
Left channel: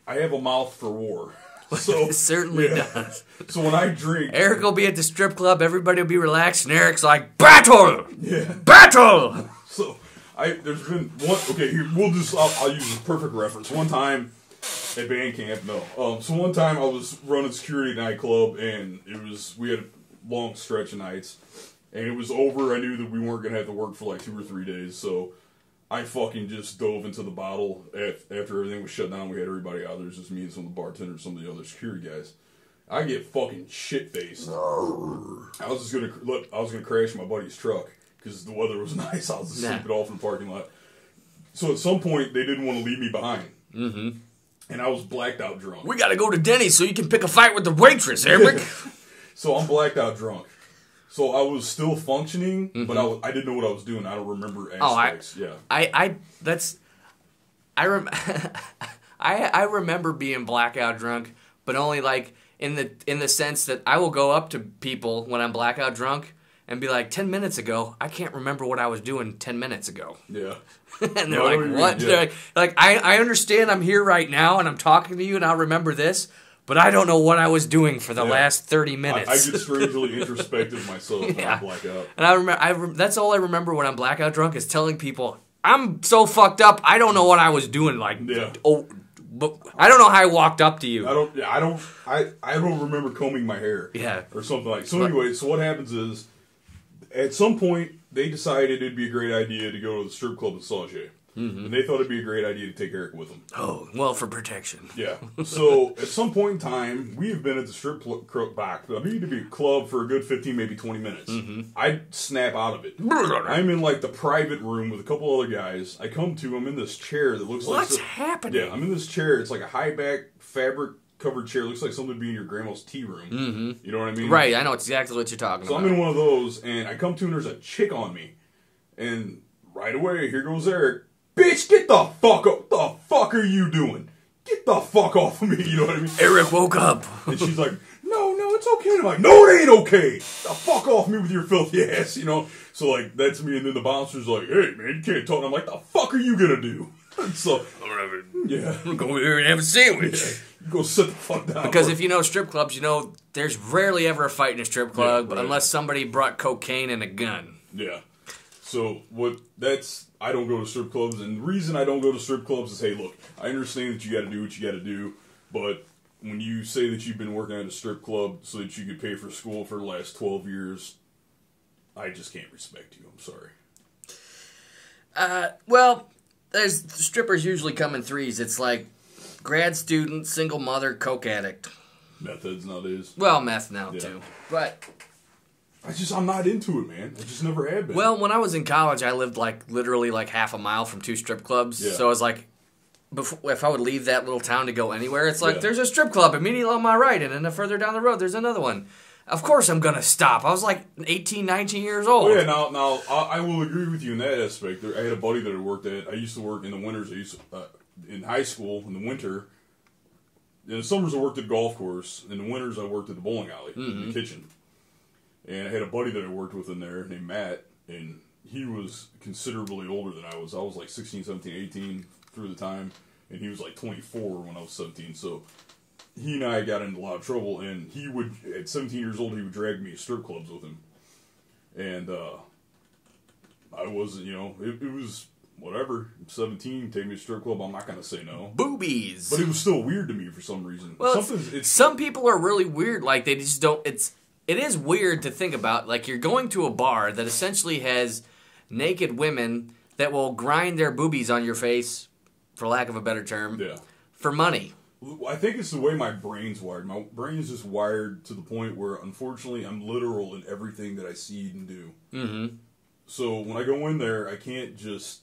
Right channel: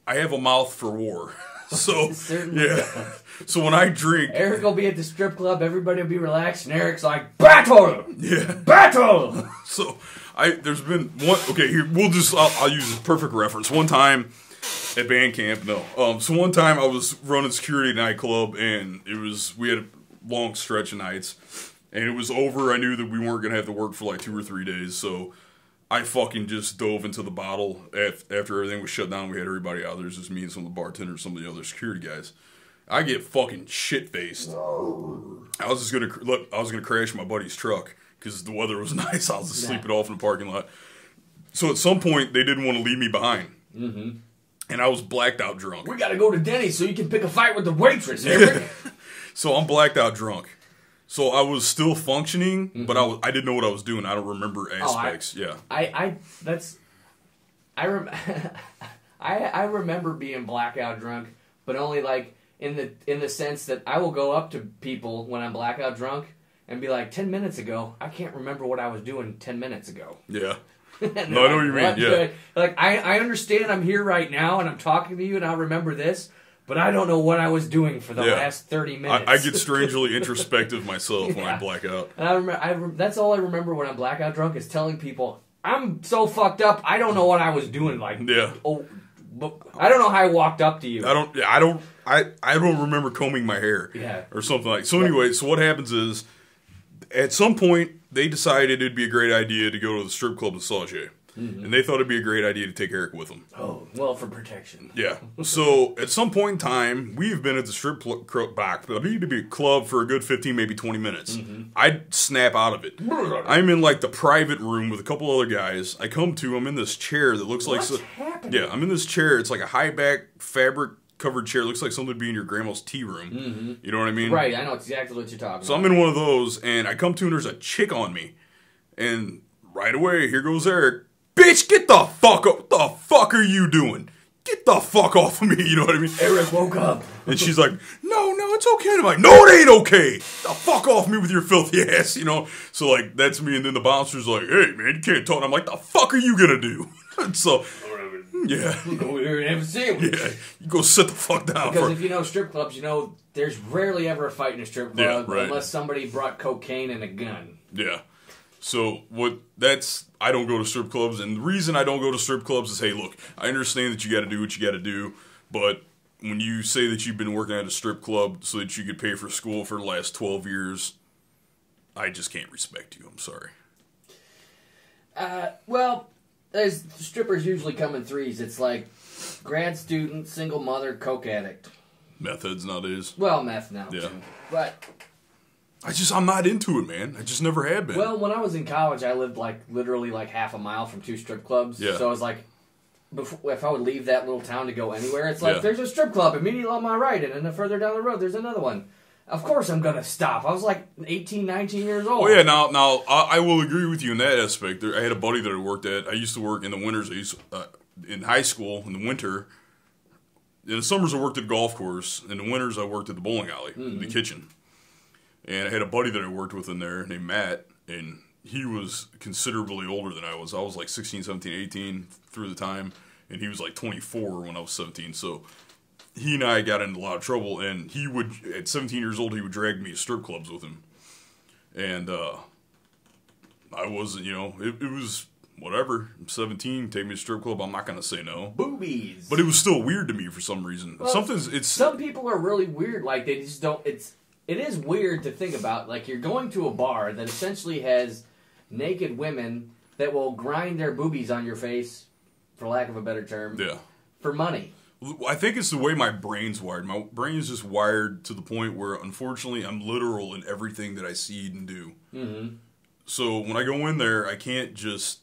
I have a mouth for war. So it certainly does. So when I drink, Eric will be at the strip club, everybody will be relaxed, and Eric's like, battle! Yeah. Battle! So there's been one, okay, here, I'll use a perfect reference. One time at band camp, so one time I was running security at a nightclub, and we had a long stretch of nights, and it was over. I knew that we weren't going to have to work for like 2 or 3 days, so I fucking just dove into the bottle after everything was shut down. We had everybody out. There's just me and some of the bartenders, some of the other security guys. I get fucking shit-faced. I was gonna crash my buddy's truck because the weather was nice. I was just sleeping off in the parking lot. So at some point, they didn't want to leave me behind. Mm-hmm. And I was blacked out drunk. We gotta go to Denny's so you can pick a fight with the waitress, Eric. So I'm blacked out drunk. So I was still functioning, but I didn't know what I was doing. I don't remember aspects. I remember being blackout drunk, but only like in the sense that I will go up to people when I'm blackout drunk and be like, 10 minutes ago, I can't remember what I was doing 10 minutes ago. Yeah. And they're like, what? Yeah. Like, I understand I'm here right now and I'm talking to you and I remember this, but I don't know what I was doing for the last 30 minutes. I get strangely introspective myself when I black out. And I remember that's all I remember when I'm blackout drunk is telling people, I'm so fucked up, I don't know what I was doing. Like, but I don't know how I walked up to you. I don't remember combing my hair. Yeah. Or something like. So anyway, so what happens is, at some point, they decided it'd be a great idea to go to the strip club in Sauget. Mm-hmm. And they thought it'd be a great idea to take Eric with them. Oh, well, for protection. Yeah. So, at some point in time, we've been at the strip club for a good 15, maybe 20 minutes. Mm-hmm. I'd snap out of it. I'm in, like, the private room with a couple other guys. I'm in this chair that looks like... What's happening? Yeah, I'm in this chair. It's like a high-back, fabric-covered chair. It looks like something would be in your grandma's tea room. Mm-hmm. You know what I mean? Right, I know exactly what you're talking about. So, I'm in one of those, and I come to, and there's a chick on me. And right away, here goes Eric. Bitch, get the fuck up. What the fuck are you doing? Get the fuck off of me, you know what I mean? Eric woke up. And she's like, no, it's okay. And I'm like, no, it ain't okay. Get the fuck off me with your filthy ass, you know? So, like, that's me. And then the bouncer's like, hey, man, you can't talk. And I'm like, the fuck are you gonna do? And so, yeah. Go over there and have a sandwich. Yeah, you go sit the fuck down. Because if you know strip clubs, you know there's rarely ever a fight in a strip club unless somebody brought cocaine and a gun. Yeah. So, I don't go to strip clubs, and the reason I don't go to strip clubs is, hey, look, I understand that you got to do what you got to do, but when you say that you've been working at a strip club so that you could pay for school for the last 12 years, I just can't respect you. I'm sorry. Well, strippers usually come in threes. It's like grad student, single mother, coke addict. Meth heads nowadays. Well, meth now, too. But... I'm not into it, man. I just never have been. Well, when I was in college, I lived literally half a mile from 2 strip clubs. Yeah. So I was like, if I would leave that little town to go anywhere, it's like, there's a strip club immediately on my right, and then further down the road, there's another one. Of course I'm going to stop. I was like 18, 19 years old. Oh, yeah, now I will agree with you in that aspect. I had a buddy that I worked at. I used to work in the winters. In high school, in the winter. In the summers, I worked at a golf course. In the winters, I worked at the bowling alley, in the kitchen. And I had a buddy that I worked with in there named Matt, and he was considerably older than I was. I was like 16, 17, 18 through the time, and he was like 24 when I was 17. So he and I got into a lot of trouble, and he would, at 17 years old, he would drag me to strip clubs with him. And I wasn't, it was whatever. I'm 17, take me to a strip club, I'm not going to say no. Boobies. But it was still weird to me for some reason. Well, some people are really weird, like they just don't, It is weird to think about, like you're going to a bar that essentially has naked women that will grind their boobies on your face, for lack of a better term, for money. I think it's the way my brain's wired. My brain is just wired to the point where, unfortunately, I'm literal in everything that I see and do. Mm-hmm. So when I go in there, I can't just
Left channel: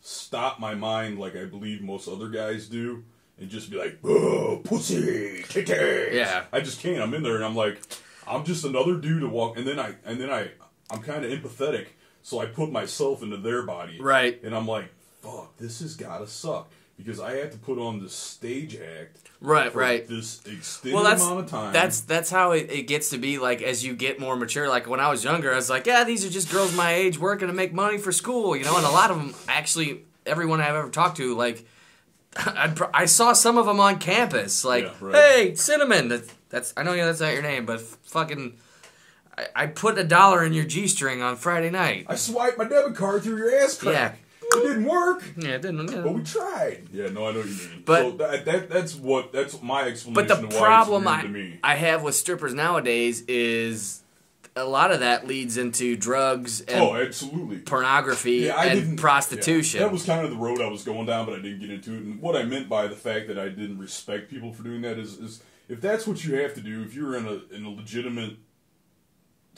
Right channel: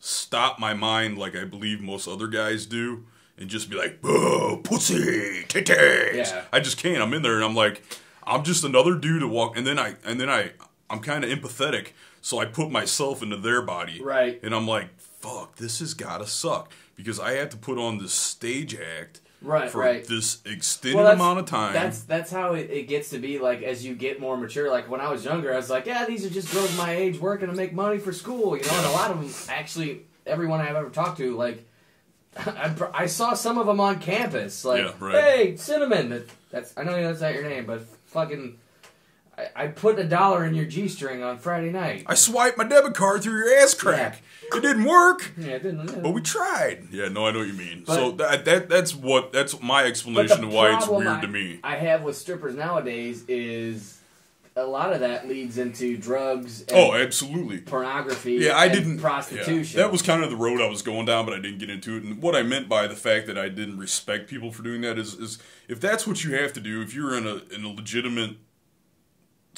stop my mind like I believe most other guys do and just be like, oh, pussy, titties. Yeah. I just can't. I'm in there and I'm like... I'm just another dude to walk, and then I'm kind of empathetic, so I put myself into their body, right? And I'm like, fuck, this has gotta suck, because I have to put on this stage act Right, for right. this extended amount of time. That's how it gets to be, like, as you get more mature. Like, when I was younger, I was like, yeah, these are just girls my age working to make money for school, you know? And a lot of them, actually, everyone I've ever talked to, like, I saw some of them on campus. Like, yeah, right. hey, Cinnamon, that's I know that's not your name, but fucking, I put $1 in your G-string on Friday night. I swiped my debit card through your ass crack. Yeah. It didn't work. Yeah, it didn't. You know. But we tried. Yeah, no, I know what you mean. But, so that's my explanation of why it's weird to me. I have with strippers nowadays is a lot of that leads into drugs and absolutely. pornography prostitution. Yeah, that was kind of the road I was going down, but I didn't get into it. And what I meant by the fact that I didn't respect people for doing that is if that's what you have to do, if you're in a legitimate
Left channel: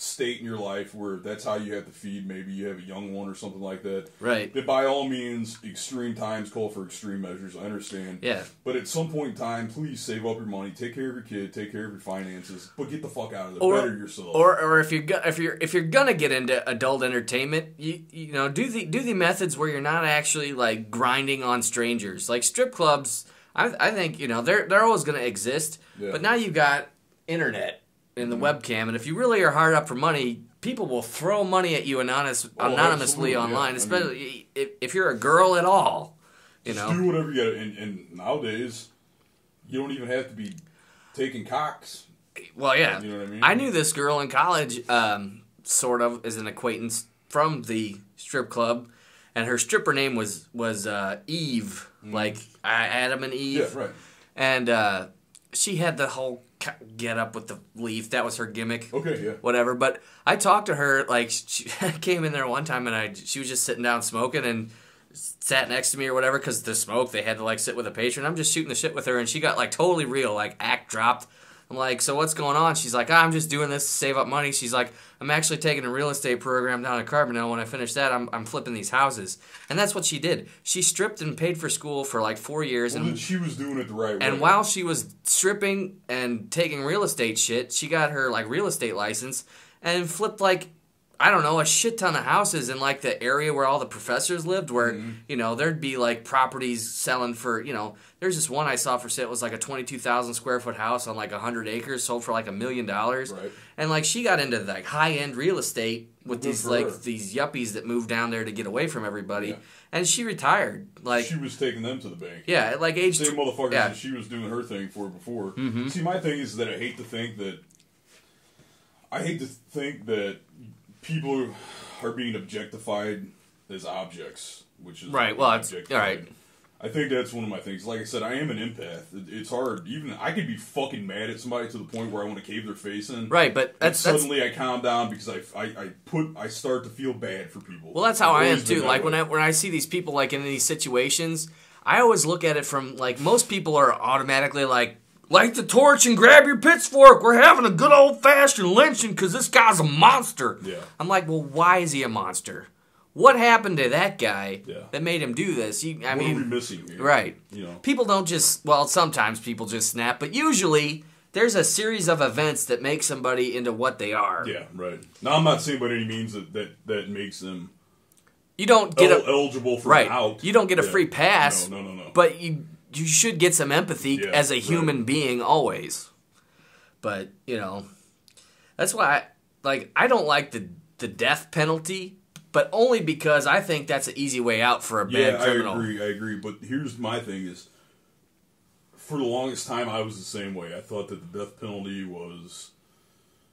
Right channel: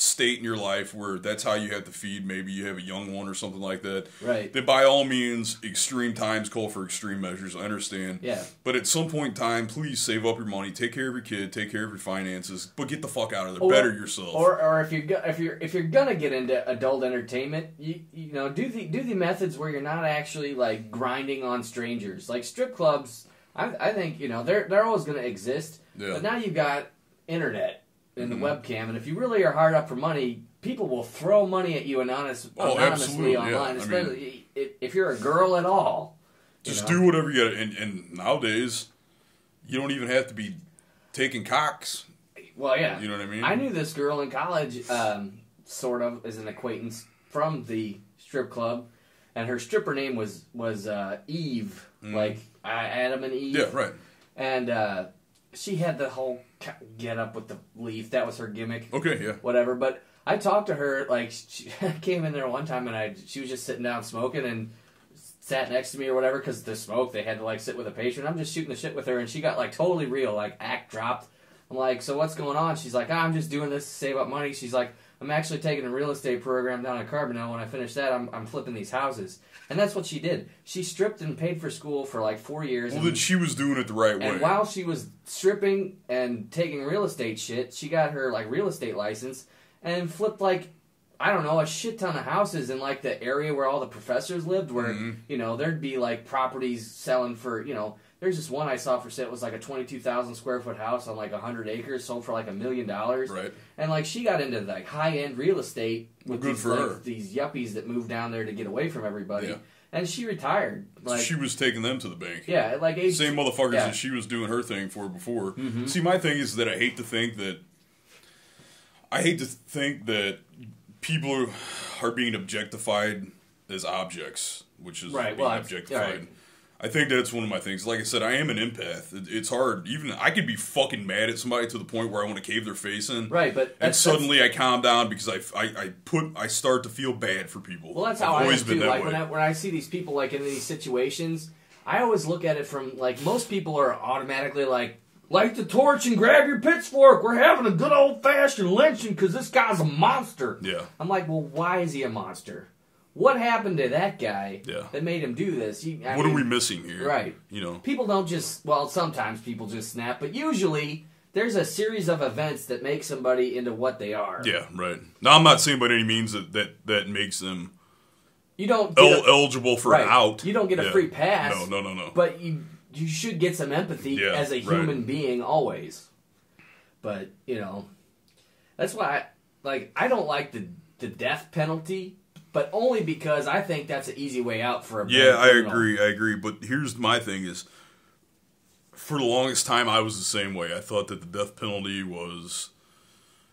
state in your life where that's how you have to feed, maybe you have a young one or something like that, right? That by all means, extreme times call for extreme measures. I understand. Yeah. But at some point in time, please save up your money, take care of your kid, take care of your finances, but get the fuck out of there. Better yourself. Or if you're gonna get into adult entertainment, you know, do the methods where you're not actually like grinding on strangers. Like strip clubs, I think, you know, they're always gonna exist. Yeah. But now you've got internet in the webcam, and if you really are hard up for money, people will throw money at you anonymously online, especially if you're a girl at all. Just do whatever you got. And nowadays, you don't even have to be taking cocks. Well, yeah. You know what I mean? I knew this girl in college, sort of, as an acquaintance from the strip club, and her stripper name was Eve, like Adam and Eve. Yeah, right. And she had the whole get up with the leaf. That was her gimmick. Okay, yeah. Whatever. But I talked to her, like, she came in there one time, and she was just sitting down smoking and sat next to me or whatever, because the smoke, they had to, like, sit with a patron. I'm just shooting the shit with her, and she got, like, totally real, like, act dropped. I'm like, so what's going on? She's like, I'm just doing this to save up money. She's like, I'm actually taking a real estate program down in Carbondale. When I finish that, I'm flipping these houses. And that's what she did. She stripped and paid for school for like 4 years. Well, then she was doing it the right way. And while she was stripping and taking real estate shit, she got her like real estate license and flipped like, I don't know, a shit ton of houses in like the area where all the professors lived, where, you know, there'd be like properties selling for, you know, there's this one I saw for sale. It was like a 22,000 square foot house on like 100 acres, sold for like $1 million. Right. And like she got into like high end real estate with these yuppies that moved down there to get away from everybody. Yeah. And she retired. Like she was taking them to the bank. Yeah, at like age same motherfuckers that she was doing her thing for before. See, my thing is that I hate to think that people are being objectified as objects, which is right. Well, objectified. Right. I think that's one of my things. Like I said, I am an empath. It's hard. Even I could be fucking mad at somebody to the point where I want to cave their face in. Right, but suddenly I calm down because I start to feel bad for people. Well, that's how I am too. Like when I see these people like in these situations, I always look at it from like most people are automatically like, light the torch and grab your pitchfork. We're having a good old-fashioned lynching because this guy's a monster. Yeah. I'm like, well, why is he a monster? What happened to that guy that made him do this? What are we missing here? Right. You know, people don't just, well, sometimes people just snap, but usually there's a series of events that make somebody into what they are. Yeah, right. Now, I'm not saying by any means that makes them you don't get eligible for an out. You don't get a free pass. No. But you should get some empathy as a human being always. But, you know, that's why I don't like the death penalty, but only because I think that's an easy way out for a bad criminal. I agree. But here's my thing is, for the longest time, I was the same way. I thought that the death penalty was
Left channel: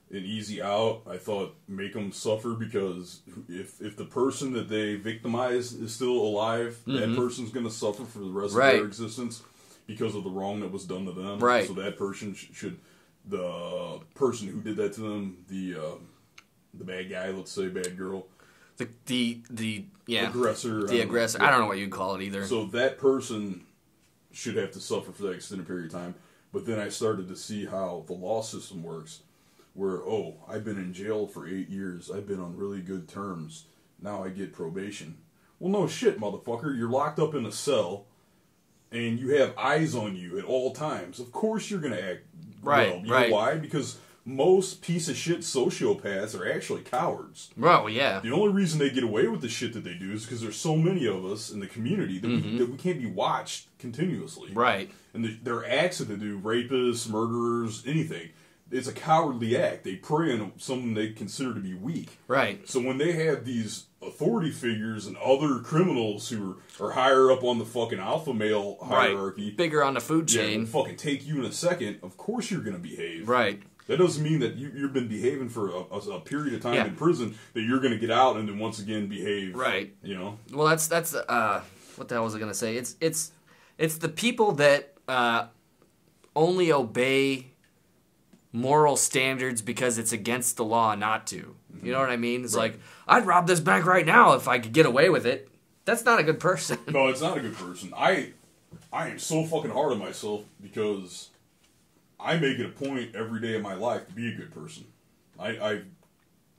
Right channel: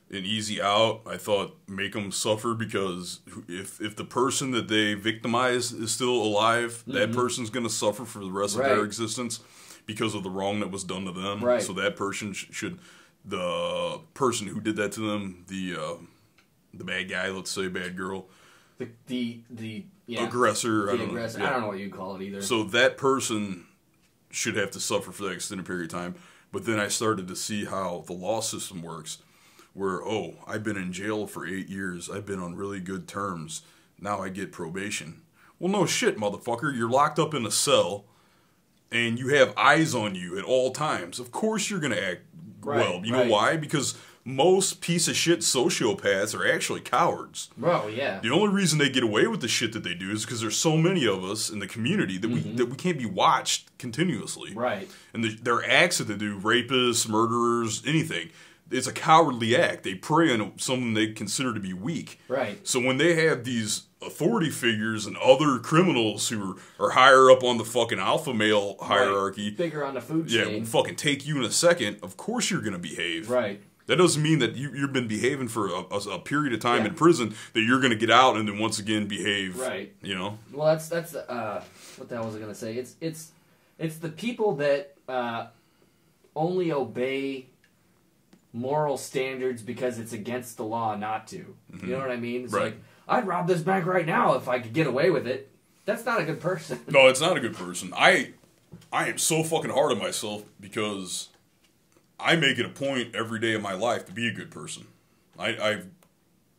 an easy out. I thought make them suffer because if the person that they victimize is still alive, that person's going to suffer for the rest of their existence because of the wrong that was done to them. Right. So that person should, the person who did that to them, the bad guy, let's say, bad girl, the aggressor. The aggressor. I don't know what you'd call it either. So that person should have to suffer for that extended period of time. But then I started to see how the law system works, where, I've been in jail for 8 years. I've been on really good terms. Now I get probation. Well, no shit, motherfucker. You're locked up in a cell, and you have eyes on you at all times. Of course you're going to act well. You know why? Because most piece of shit sociopaths are actually cowards. Well, yeah. The only reason they get away with the shit that they do is because there's so many of us in the community that we can't be watched continuously. Right. And there are acts that they do, rapists, murderers, anything. It's a cowardly act. They prey on someone they consider to be weak. Right. So when they have these authority figures and other criminals who are higher up on the fucking alpha male hierarchy, bigger on the food chain, will fucking take you in a second. Of course you're going to behave. Right. That doesn't mean that you've been behaving for a period of time in prison that you're going to get out and then once again behave. Right. You know. Well, that's what the hell was I going to say? It's the people that only obey moral standards because it's against the law not to. You know what I mean? It's like, I'd rob this bank right now if I could get away with it. That's not a good person. No, it's not a good person. I am so fucking hard on myself because I make it a point every day of my life to be a good person. I've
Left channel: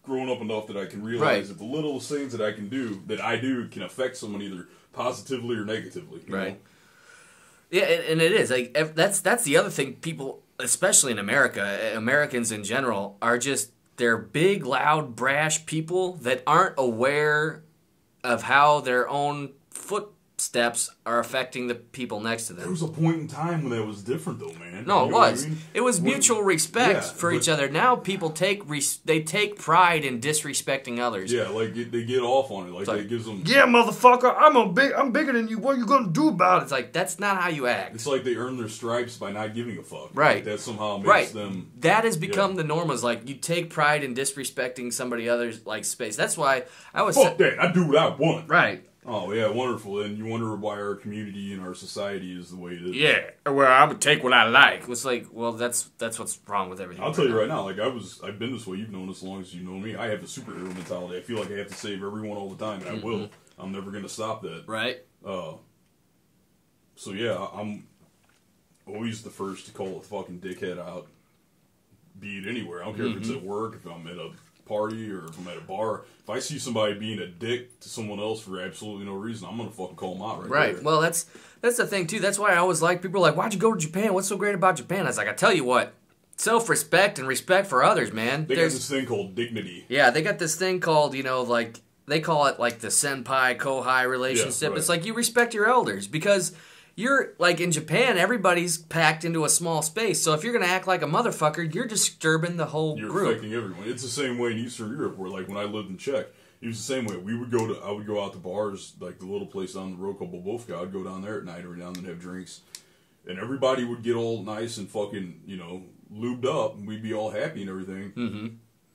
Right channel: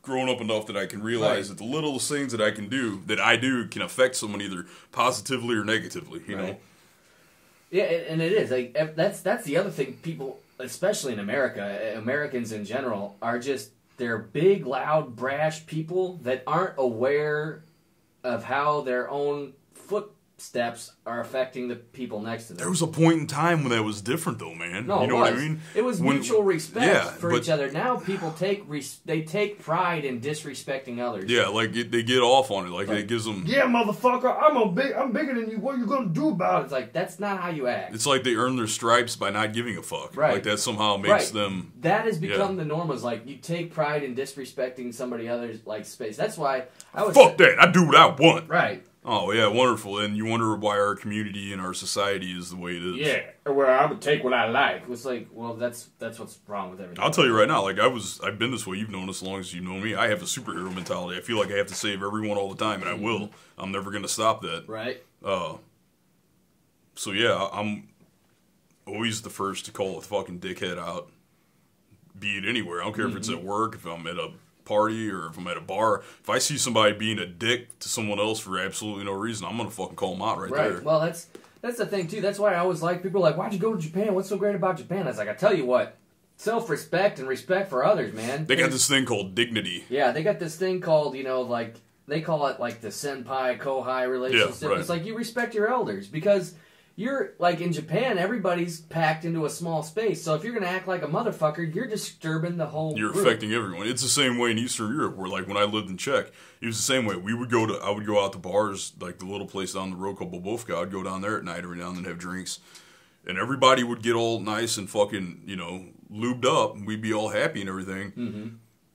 grown up enough that I can realize that the littlest things that I do can affect someone either positively or negatively. You know? Yeah, and it is. Like, that's the other thing. People, especially in America, Americans in general, are just, they're big, loud, brash people that aren't aware of how their own footsteps are affecting the people next to them. There was a point in time when that was different, though, man. No, you know it was. What I mean? It was mutual respect for each other. Now people take pride in disrespecting others. Yeah, like they get off on it. Like they gives them. Yeah, motherfucker, I'm bigger than you. What are you gonna do about it? It's like, that's not how you act. It's like they earn their stripes by not giving a fuck. Right. Like that somehow makes them. That has become the norm. Is like you take pride in disrespecting somebody else's like space. That's why I was fuck that. I do what I want. Right. Oh, yeah, wonderful. And you wonder why our community and our society is the way it is. Yeah, well, I would take what I like. It's like, well, that's what's wrong with everything. I'll tell you right now, like, I've been this way. You've known as long as you know me. I have a superhero mentality. I feel like I have to save everyone all the time, and I will. I'm never going to stop that. Right. So, yeah, I'm always the first to call a fucking dickhead out, be it anywhere. I don't care if it's at work, if I'm at a party or if I'm at a bar. If I see somebody being a dick to someone else for absolutely no reason, I'm gonna fucking call them out right there. Well, that's the thing too. That's why I always like, people are like, why'd you go to Japan? What's so great about Japan? I was like, I tell you what, self-respect and respect for others, man. They got this thing called dignity. Yeah, they got this thing called, like, they call it like the senpai kohai relationship. Yeah, right. It's like you respect your elders because you're, like, in Japan, everybody's packed into a small space. So if you're going to act like a motherfucker, you're disturbing the whole You're group. affecting everyone. It's the same way in Eastern Europe where, like, when I lived in Czech, it was the same way. I would go out to bars, like the little place down the road called Bobovka. I'd go down there at night every now and then have drinks. And everybody would get all nice and fucking, lubed up. And we'd be all happy and everything. Mm-hmm.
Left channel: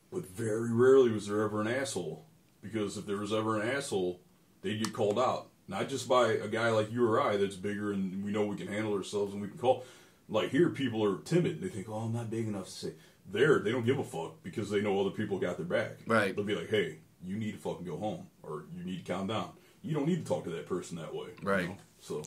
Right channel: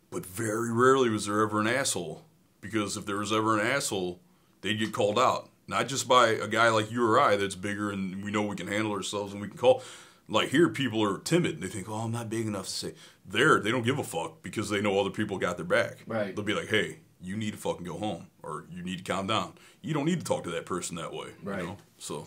But very rarely was there ever an asshole. Because if there was ever an asshole, they'd get called out. Not just by a guy like you or I that's bigger and we know we can handle ourselves and we can call. Like here, people are timid. They think, oh, I'm not big enough to say. They don't give a fuck because they know other people got their back. Right. They'll be like, hey, you need to fucking go home or you need to calm down. You don't need to talk to that person that way. Right. You know? So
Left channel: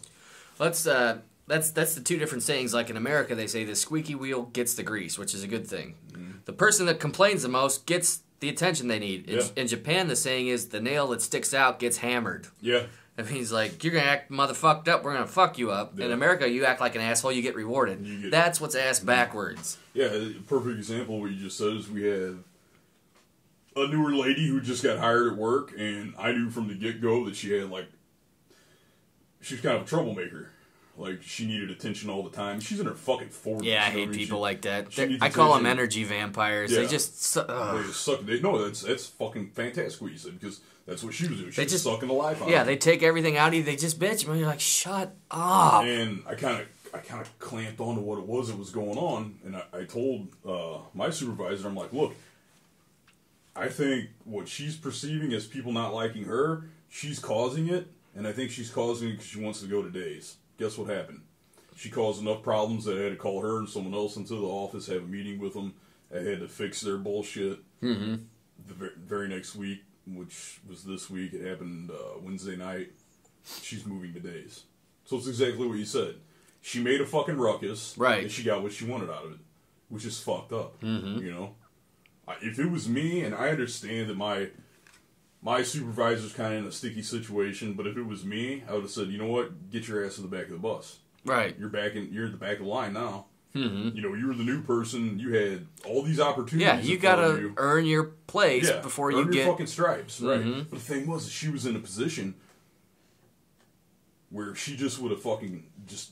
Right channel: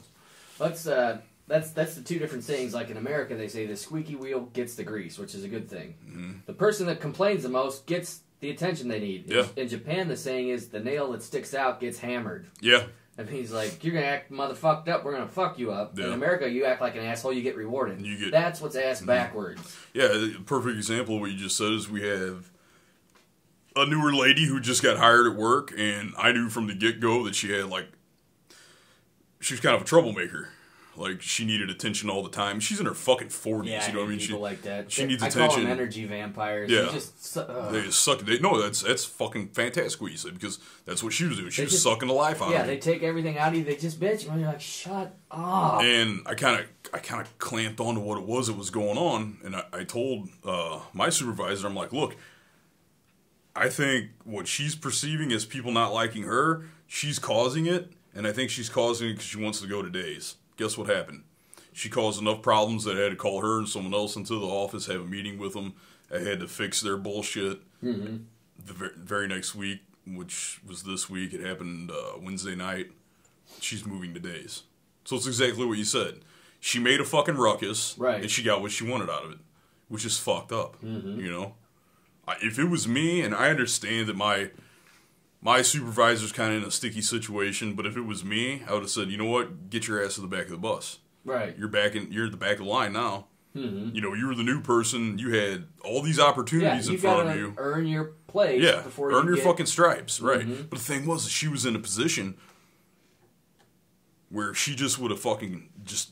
that's the two different sayings. Like in America, they say the squeaky wheel gets the grease, which is a good thing. Mm-hmm. The person that complains the most gets the attention they need. Yeah. In Japan, the saying is the nail that sticks out gets hammered. Yeah. That means, like, you're going to act motherfucked up, we're going to fuck you up. Yeah. In America, you act like an asshole, you get rewarded. That's what's ass backwards. Yeah, a perfect example of what you just said is we have a newer lady who just got hired at work, and I knew from the get-go that she was kind of a troublemaker. Like, she needed attention all the time. She's in her fucking 40s. Yeah, I hate people like that. She needs I attention. call them energy vampires. Yeah. They just suck. No, that's fucking fantastic what you said, because that's what she was doing. She was sucking the life out of you. Yeah, they take everything out of you. They just bitch you. And you're like, shut up. And I kind of clamped on to what it was that was going on. And I told my supervisor, I'm like, look, I think what she's perceiving as people not liking her, she's causing it. And I think she's causing it because she wants to go to days. Guess what happened? She caused enough problems that I had to call her and someone else into the office, have a meeting with them. I had to fix their bullshit. Mm-hmm. The very next week, which was this week, it happened Wednesday night. She's moving to days. So it's exactly what you said. She made a fucking ruckus, right? And she got what she wanted out of it, which is fucked up. Mm-hmm. If it was me, and I understand that my supervisor's kind of in a sticky situation, but if it was me, I would have said, you know what, get your ass to the back of the bus. Right. You're at the back of the line now. Mm-hmm. You know, you were the new person. You had all these opportunities in front of you. You gotta earn your place before you earn your fucking stripes, right? Mm-hmm. But the thing was, she was in a position where she just would have fucking just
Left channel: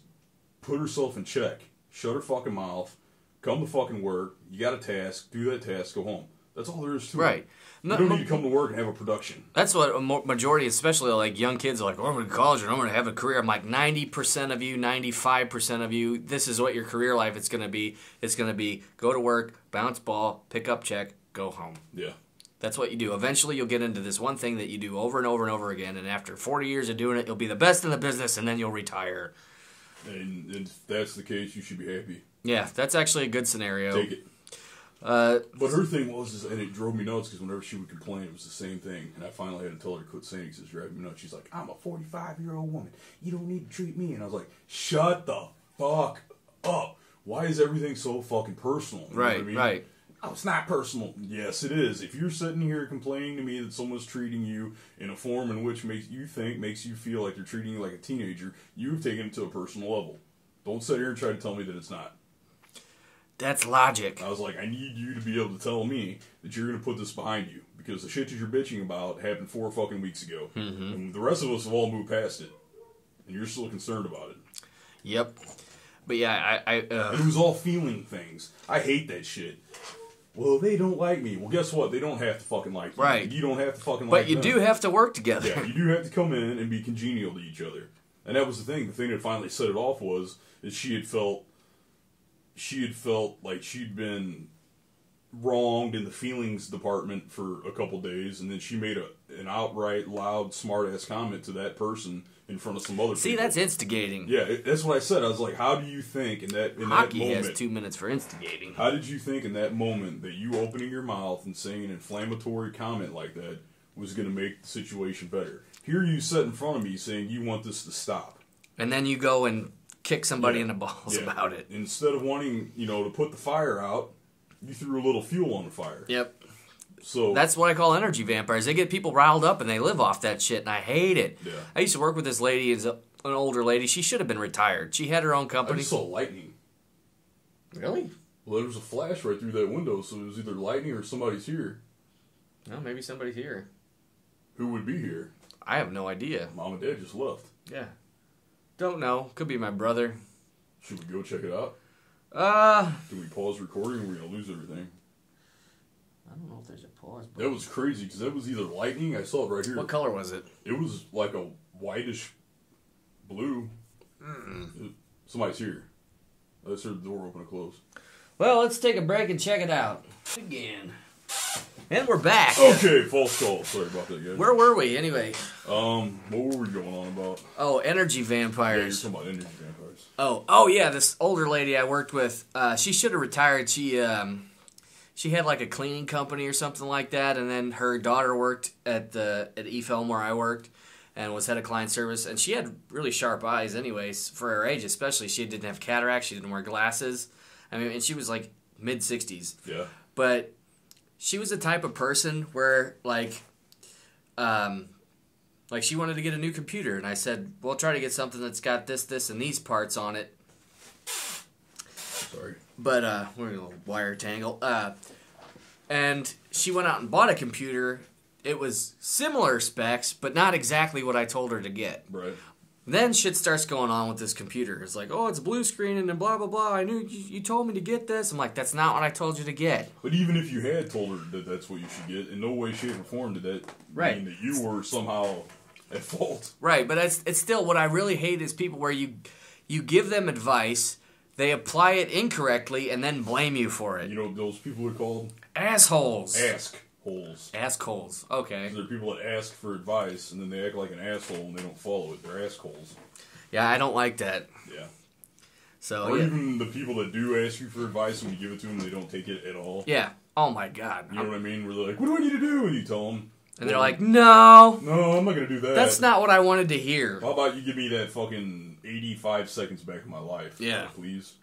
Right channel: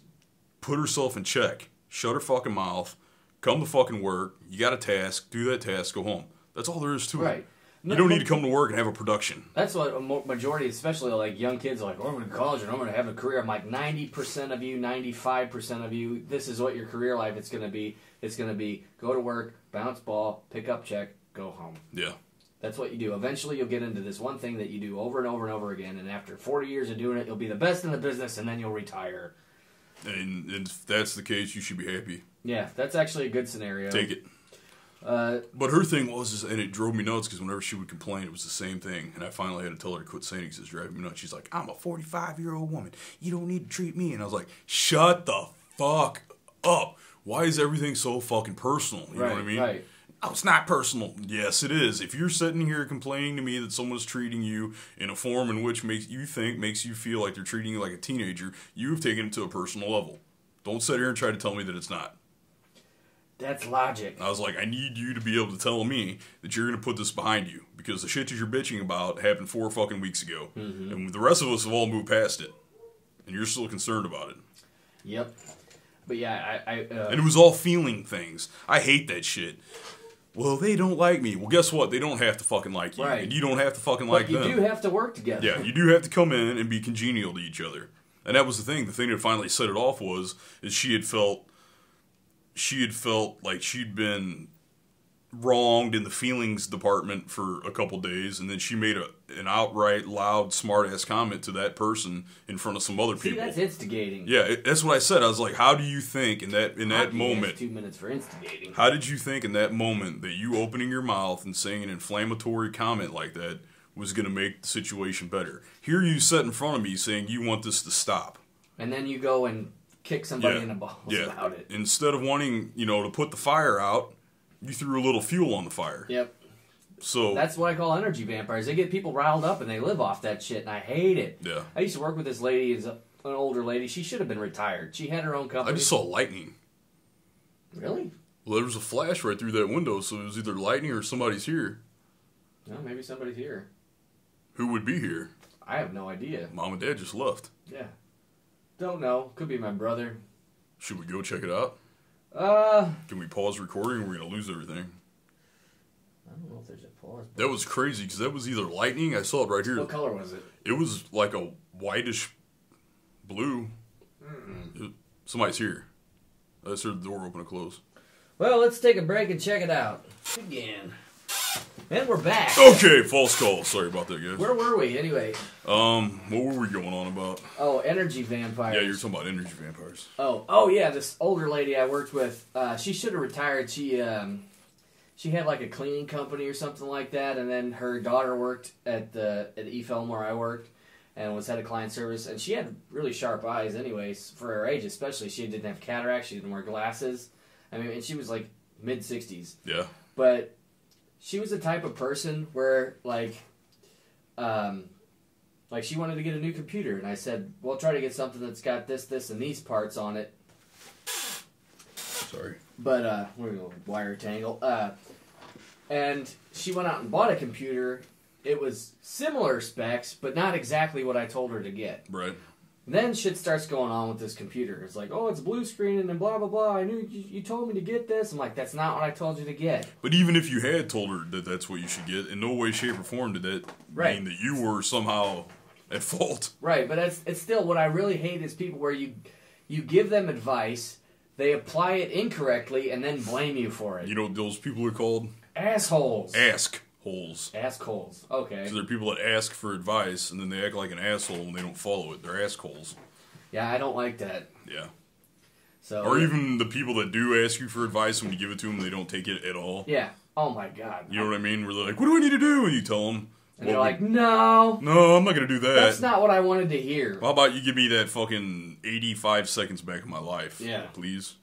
put herself in check, shut her fucking mouth, come to fucking work. You got a task, do that task, go home. That's all there is to it. Right. You don't need to come to work and have a production. That's what a majority, especially like young kids, are like, oh, I'm going to college and I'm going to have a career. I'm like, 90% of you, 95% of you, this is what your career life is going to be. It's going to be go to work, bounce ball, pick up check, go home. Yeah. That's what you do. Eventually, you'll get into this one thing that you do over and over and over again, and after 40 years of doing it, you'll be the best in the business, and then you'll retire. And if that's the case, you should be happy. Yeah, that's actually a good scenario. Take it. But her thing was, and it drove me nuts, because whenever she would complain, it was the same thing. And I finally had to tell her to quit saying it because it's driving me nuts. She's like, I'm a 45-year-old woman. You don't need to treat me. And I was like, shut the fuck up. Why is everything so fucking personal? You know what I mean? Right. Oh, it's not personal. Yes, it is. If you're sitting here complaining to me that someone's treating you in a form in which makes you feel like they're treating you like a teenager, you've taken it to a personal level. Don't sit here and try to tell me that it's not. That's logic. I was like, I need you to be able to tell me that you're going to put this behind you, because the shit that you're bitching about happened 4 fucking weeks ago. Mm-hmm. And the rest of us have all moved past it. And you're still concerned about it. Yep. But yeah, and it was all feeling things. I hate that shit. Well, they don't like me. Well, guess what? They don't have to fucking like you. Right. And you don't have to fucking like them. But you do have to work together. Yeah, you do have to come in and be congenial to each other. And that was the thing. The thing that finally set it off is she had felt like she'd been wronged in the feelings department for a couple days, and then she made an outright loud smart-ass comment to that person in front of some other people. See, that's instigating. Yeah, that's what I said. I was like, how do you think in that moment... has 2 minutes for instigating. How did you think in that moment that you opening your mouth and saying an inflammatory comment like that was going to make the situation better? Here you sit in front of me saying you want this to stop. And then you go and kick somebody in the balls about it. Instead of wanting, to put the fire out, you threw a little fuel on the fire. Yep. So that's what I call energy vampires. They get people riled up and they live off that shit, and I hate it. Yeah. I used to work with this lady, an older lady. She should have been retired. She had her own company. I just saw lightning. Really? Well, there was a flash right through that window, so it was either lightning or somebody's here. No, maybe somebody's here. Who would be here? I have no idea. Mom and Dad just left. Yeah. Don't know. Could be my brother. Should we go check it out? Can we pause recording or we're going to lose everything? I don't know if there's a pause button. That was crazy because that was either lightning. I saw it right here. What color was it? It was like a whitish blue. Somebody's here. I just heard the door open and close. Well, let's take a break and check it out. Again. And we're back. Okay, false call. Sorry about that, guys. Where were we, anyway? What were we going on about? Oh, energy vampires. Yeah, you're talking about energy vampires. Oh yeah, this older lady I worked with, she should have retired. She had like a cleaning company or something like that, and then her daughter worked at eFilm where I worked, and was head of client service, and she had really sharp eyes anyways, for her age especially. She didn't have cataracts, she didn't wear glasses. I mean, and she was like mid-60s. Yeah. But she was the type of person where, like she wanted to get a new computer, and I said, well, try to get something that's got this, and these parts on it. Sorry. But, we're a little wire tangle. And she went out and bought a computer. It was similar specs, but not exactly what I told her to get. Right. Then shit starts going on with this computer. It's like, oh, it's blue screen and blah, blah, blah. I knew you told me to get this. I'm like, that's not what I told you to get. But even if you had told her that that's what you should get, in no way, shape, or form did that mean that you were somehow at fault. Right, but it's still, what I really hate is people where you give them advice, they apply it incorrectly, and then blame you for it. You know what those people are called? Assholes. Ask-holes. Assholes. Okay. So they're people that ask for advice, and then they act like an asshole when they don't follow it. They're assholes. Yeah, I don't like that. Yeah. So, or even the people that do ask you for advice, when you give it to them, they don't take it at all. Yeah. Oh, my God. You know what I mean? Where they're like, what do I need to do? And you tell them. And they're like, no. No, I'm not going to do that. That's not what I wanted to hear. How about you give me that fucking 85 seconds back of my life? Yeah. Please.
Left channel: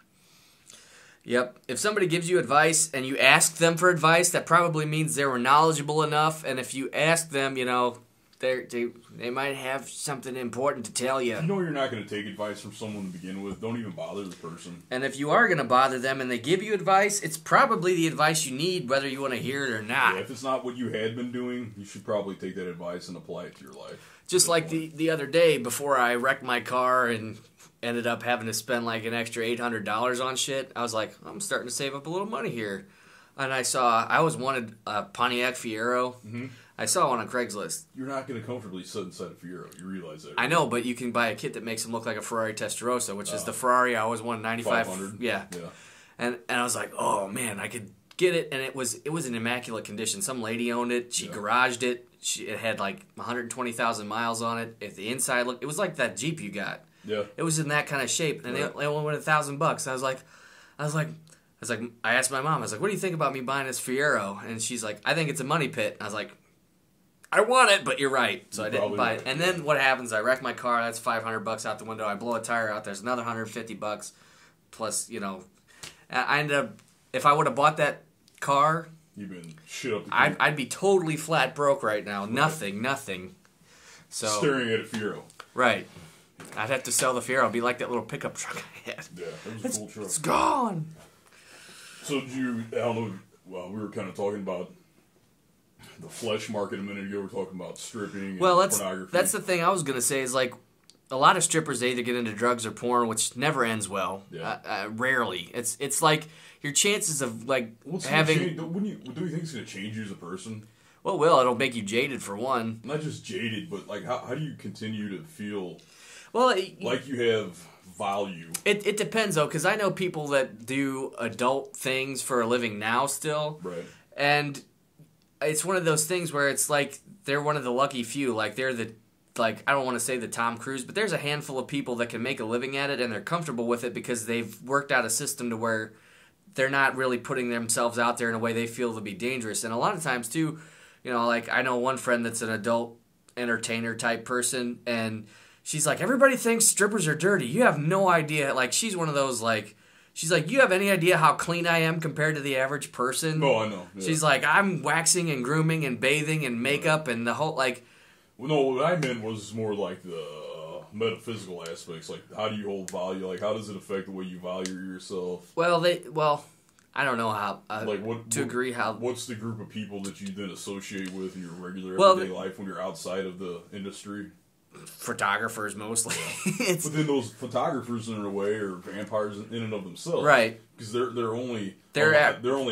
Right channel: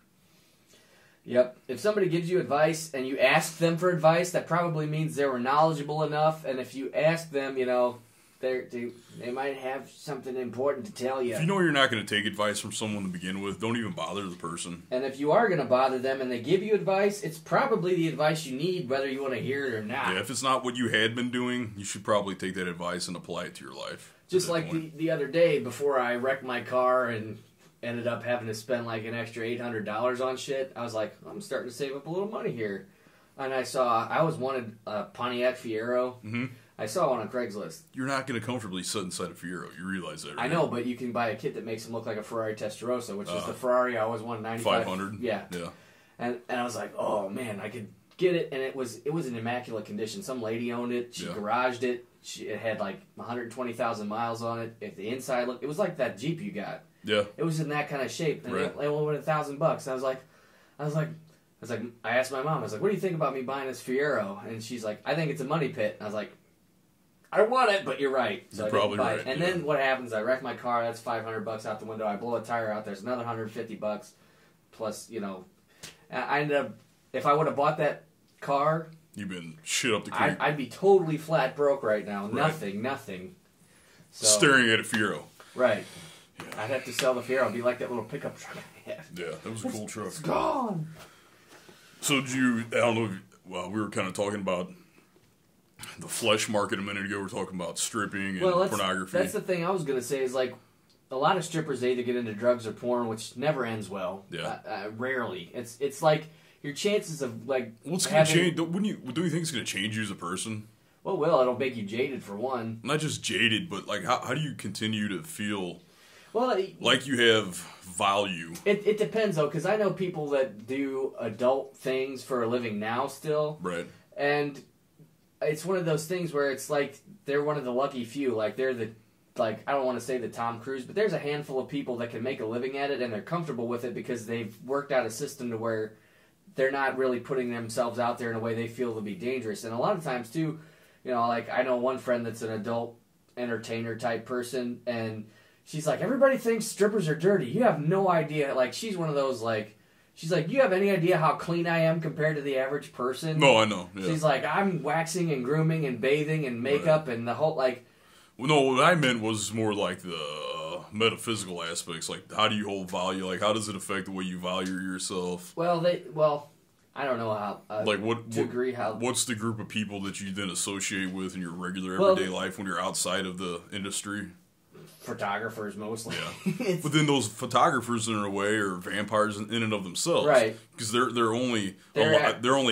Yep. If somebody gives you advice and you ask them for advice, that probably means they were knowledgeable enough. And if you ask them, they might have something important to tell you. If you know you're not going to take advice from someone to begin with, don't even bother the person. And if you are going to bother them and they give you advice, it's probably the advice you need, whether you want to hear it or not. Yeah, if it's not what you had been doing, you should probably take that advice and apply it to your life. Just like the other day, before I wrecked my car and ended up having to spend like an extra $800 on shit, I was like, I'm starting to save up a little money here. And I was wanted a Pontiac Fiero. Mm-hmm. I saw one on Craigslist. You're not going to comfortably sit inside a Fiero. You realize that, right? I know, but you can buy a kit that makes them look like a Ferrari Testarossa, which is the Ferrari I always wanted, 95. 500. Yeah. And I was like, oh man, I could get it, and it was in immaculate condition. Some lady owned it. She garaged it. It had like 120,000 miles on it. If the inside looked, it was like that Jeep you got. Yeah. It was in that kind of shape, and it only went $1,000. I asked my mom, I was like, what do you think about me buying this Fiero? And she's like, I think it's a money pit. I was like, I want it, but you're right. So I didn't buy it. And then what happens? I wreck my car. That's $500 out the window. I blow a tire out. There's another $150. Plus, I ended up. If I would have bought that car, you've been shit up the creek. I'd be totally flat broke right now. Right. Nothing. So staring at a Fiero. Right. Yeah. I'd have to sell the Fiero. It'd be like that little pickup truck I had. Yeah, that was a cool truck. It's gone. So I don't know. Well, we were kind of talking about the flesh market a minute ago. We were talking about stripping and pornography. That's the thing I was going to say is like a lot of strippers, they either get into drugs or porn, which never ends well. Yeah. Rarely. It's like your chances of like what's having... Change, do you think it's going to change you as a person? Well, it'll make you jaded for one. Not just jaded, but like how do you continue to feel like you have value? It depends though, because I know people that do adult things for a living now still. Right. And it's one of those things where it's like they're one of the lucky few. Like they're I don't want to say the Tom Cruise, but there's a handful of people that can make a living at it and they're comfortable with it because they've worked out a system to where they're not really putting themselves out there in a way they feel to be dangerous. And a lot of times too, like I know one friend that's an adult entertainer type person, and she's like, everybody thinks strippers are dirty. You have no idea. Like she's one of those like. She's like, you have any idea how clean I am compared to the average person? No, I know. Yeah. She's like, I'm waxing and grooming and bathing and makeup and the whole, like... Well, no, what I meant was more like the metaphysical aspects. Like, how do you hold value? Like, how does it affect the way you value yourself? Well, I don't know how... agree how... What's the group of people that you then associate with in your regular everyday life when you're outside of the industry? Photographers mostly. Yeah. But then those photographers in a way are vampires in and of themselves, right? Because they're only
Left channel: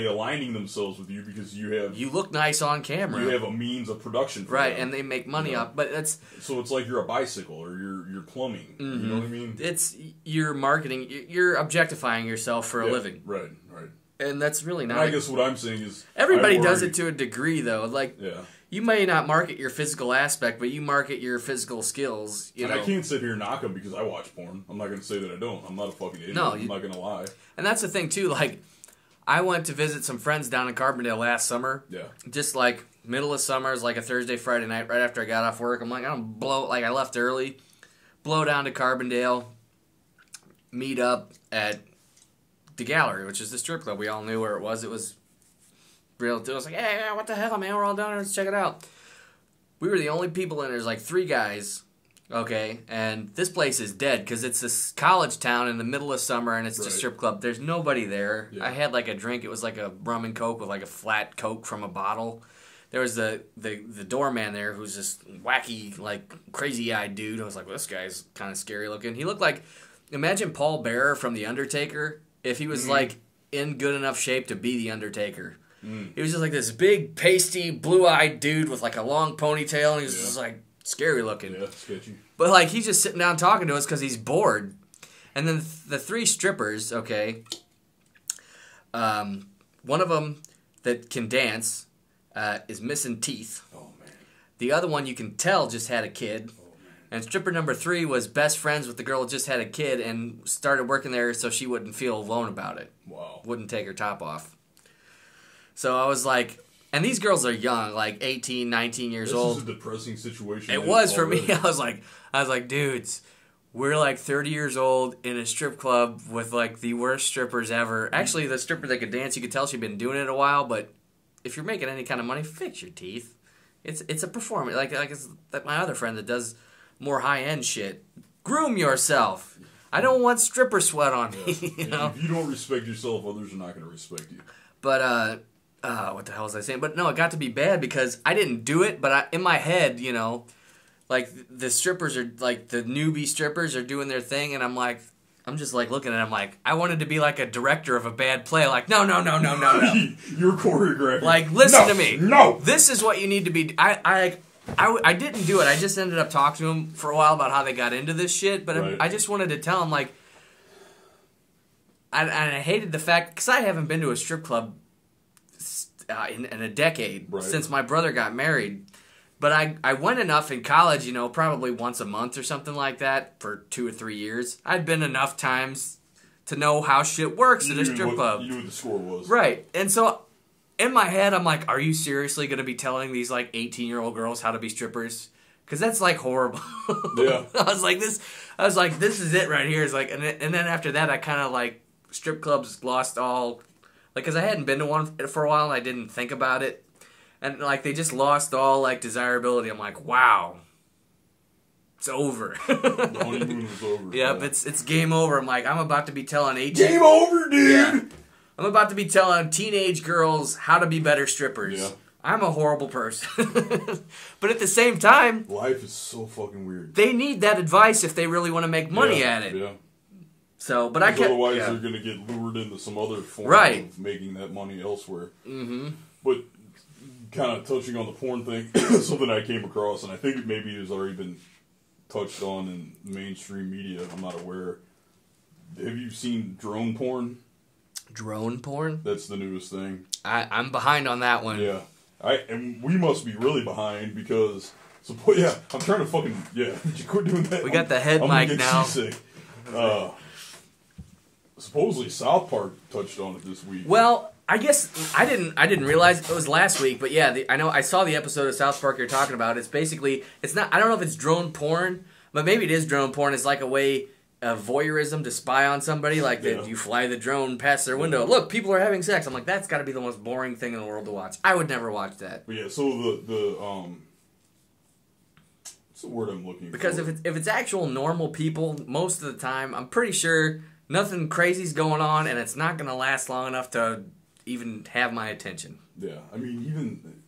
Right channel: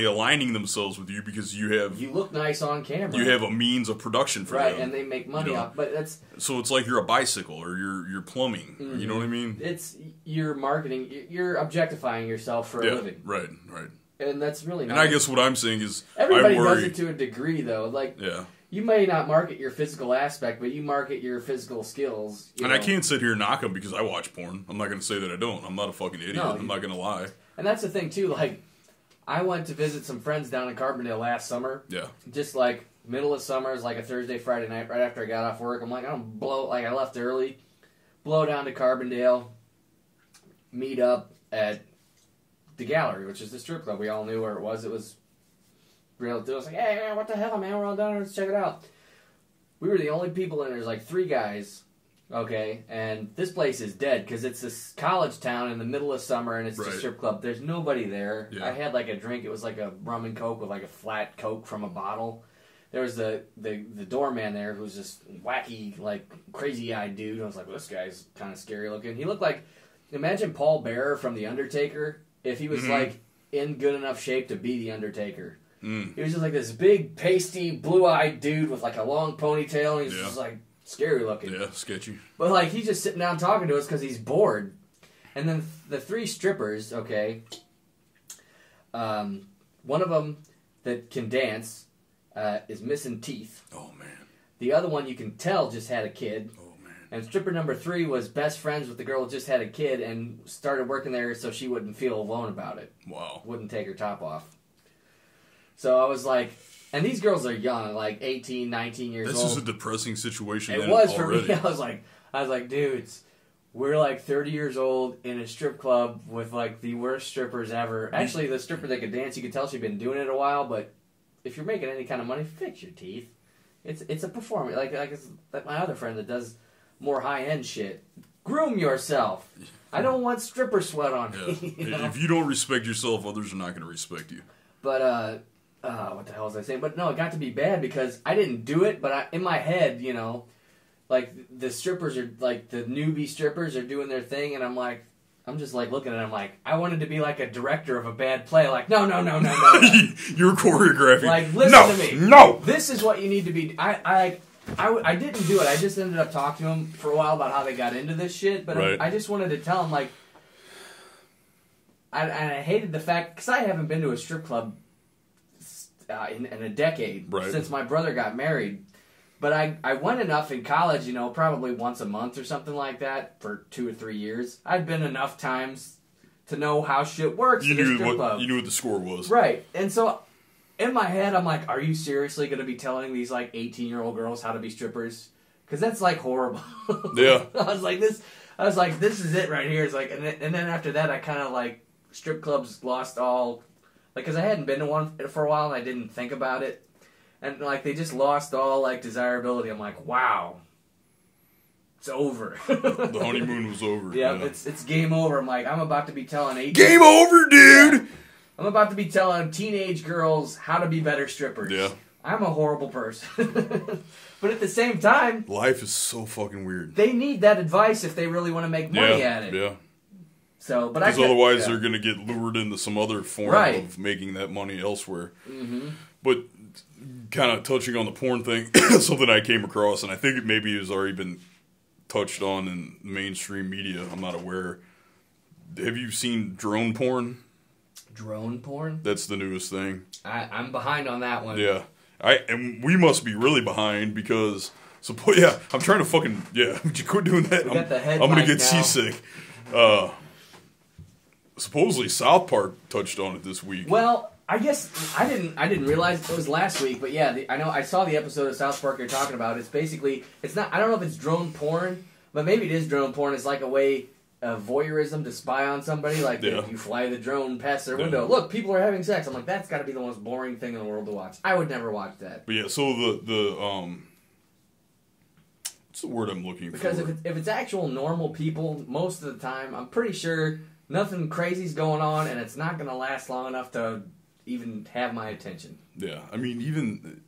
aligning themselves with you because you look nice on camera. You have a means of production for them, and they make money off. But that's so it's like you're a bicycle or you're plumbing. Mm-hmm. You know what I mean? It's you're marketing. You're objectifying yourself for a living. Right. And that's really not. And I guess what I'm saying is everybody does it to a degree, though. Like You may not market your physical aspect, but you market your physical skills. I can't sit here and knock them because I watch porn. I'm not going to say that I don't. I'm not a fucking idiot. No, I'm not going to lie. And that's the thing, too. Like, I went to visit some friends down in Carbondale last summer. Yeah. Just, like, middle of summer. It was like a Thursday, Friday night, right after I got off work. I'm like, I left early. Blow down to Carbondale. Meet up at the Gallery, which is the strip club. We all knew where it was. It was... real dude was like, hey, what the hell, man? We're all down here. Let's check it out. We were the only people in there. There's like 3 guys, okay? And this place is dead because it's this college town in the middle of summer and it's just a strip club. There's nobody there. Yeah. I had like a drink. It was like a rum and coke with like a flat Coke from a bottle. There was the doorman there who's this wacky, like crazy-eyed dude. I was like, well, this guy's kind of scary looking. He looked like, imagine Paul Bearer from The Undertaker if he was like in good enough shape to be The Undertaker. He was just like this big, pasty, blue-eyed dude with like a long ponytail, and he was just like scary looking. Yeah, sketchy. But like he's just sitting down talking to us because he's bored. And then the 3 strippers, okay, one of them that can dance is missing teeth. Oh man. The other one you can tell just had a kid. Oh man. And stripper number 3 was best friends with the girl that just had a kid and started working there so she wouldn't feel alone about it. Wow. Wouldn't take her top off. So I was like, and these girls are young, like 18, 19 years old. This is a depressing situation. It was for me. I was like, dudes, we're like 30 years old in a strip club with like the worst strippers ever. Actually, the stripper that could dance, you could tell she'd been doing it a while, but if you're making any kind of money, fix your teeth. it's a performance. Like it's that my other friend that does more high end shit. Groom yourself. I don't want stripper sweat on me. You know? If you don't respect yourself, others are not going to respect you. But what the hell was I saying? But no, it got to be bad because I didn't do it. But in my head, you know, like the strippers are like the newbie strippers are doing their thing, and I'm just like looking at it, I'm like, I wanted to be like a director of a bad play. Like, no. You're choreographing. Like, listen to me. No. This is what you need to be. I didn't do it. I just ended up talking to them for a while about how they got into this shit. But right. I just wanted to tell them, like, I hated the fact, because I haven't been to a strip club in a decade since my brother got married. But I went enough in college, you know, probably once a month or something like that for 2 or 3 years. I'd been enough times to know how shit works in a strip club. You knew what the score was. Right. And so in my head, I'm like, are you seriously going to be telling these like 18-year-old girls how to be strippers? Because that's like horrible. Yeah. I was like, this is it right here. It's like, and then after that, I kind of like, strip clubs lost all, like, because I hadn't been to one for a while and I didn't think about it. And, like, they just lost all, like, desirability. I'm like, wow. It's over. The honeymoon was over. Yep, yeah. It's game over. I'm like, I'm about to be telling 18... Game over, dude! Yeah. I'm about to be telling teenage girls how to be better strippers. Yeah. I'm a horrible person. But at the same time... Life is so fucking weird. They need that advice if they really want to make money at it. Yeah. So, but because otherwise they're going to get lured into some other form of making that money elsewhere. Mm-hmm. But... kind of touching on the porn thing, something I came across, and I think it maybe has already been touched on in mainstream media. I'm not aware. Have you seen drone porn? Drone porn? That's the newest thing. I'm behind on that one. Yeah, and we must be really behind because. So yeah, I'm trying to fucking Would you quit doing that? We got the head. I'm gonna get now. seasick. Supposedly South Park touched on it this week. Well. I guess I didn't realize it was last week, but yeah, I know I saw the episode of South Park you're talking about. It's basically not. I don't know if it's drone porn, but maybe it is drone porn. It's like a way of voyeurism to spy on somebody. Like you fly the drone past their window. Look, people are having sex. I'm like, that's got to be the most boring thing in the world to watch. I would never watch that. But yeah, so the what's the word I'm looking for? Because if it's actual normal people, most of the time, I'm pretty sure nothing crazy's going on, and it's not going to last long enough to even have my attention. Yeah, I mean, even...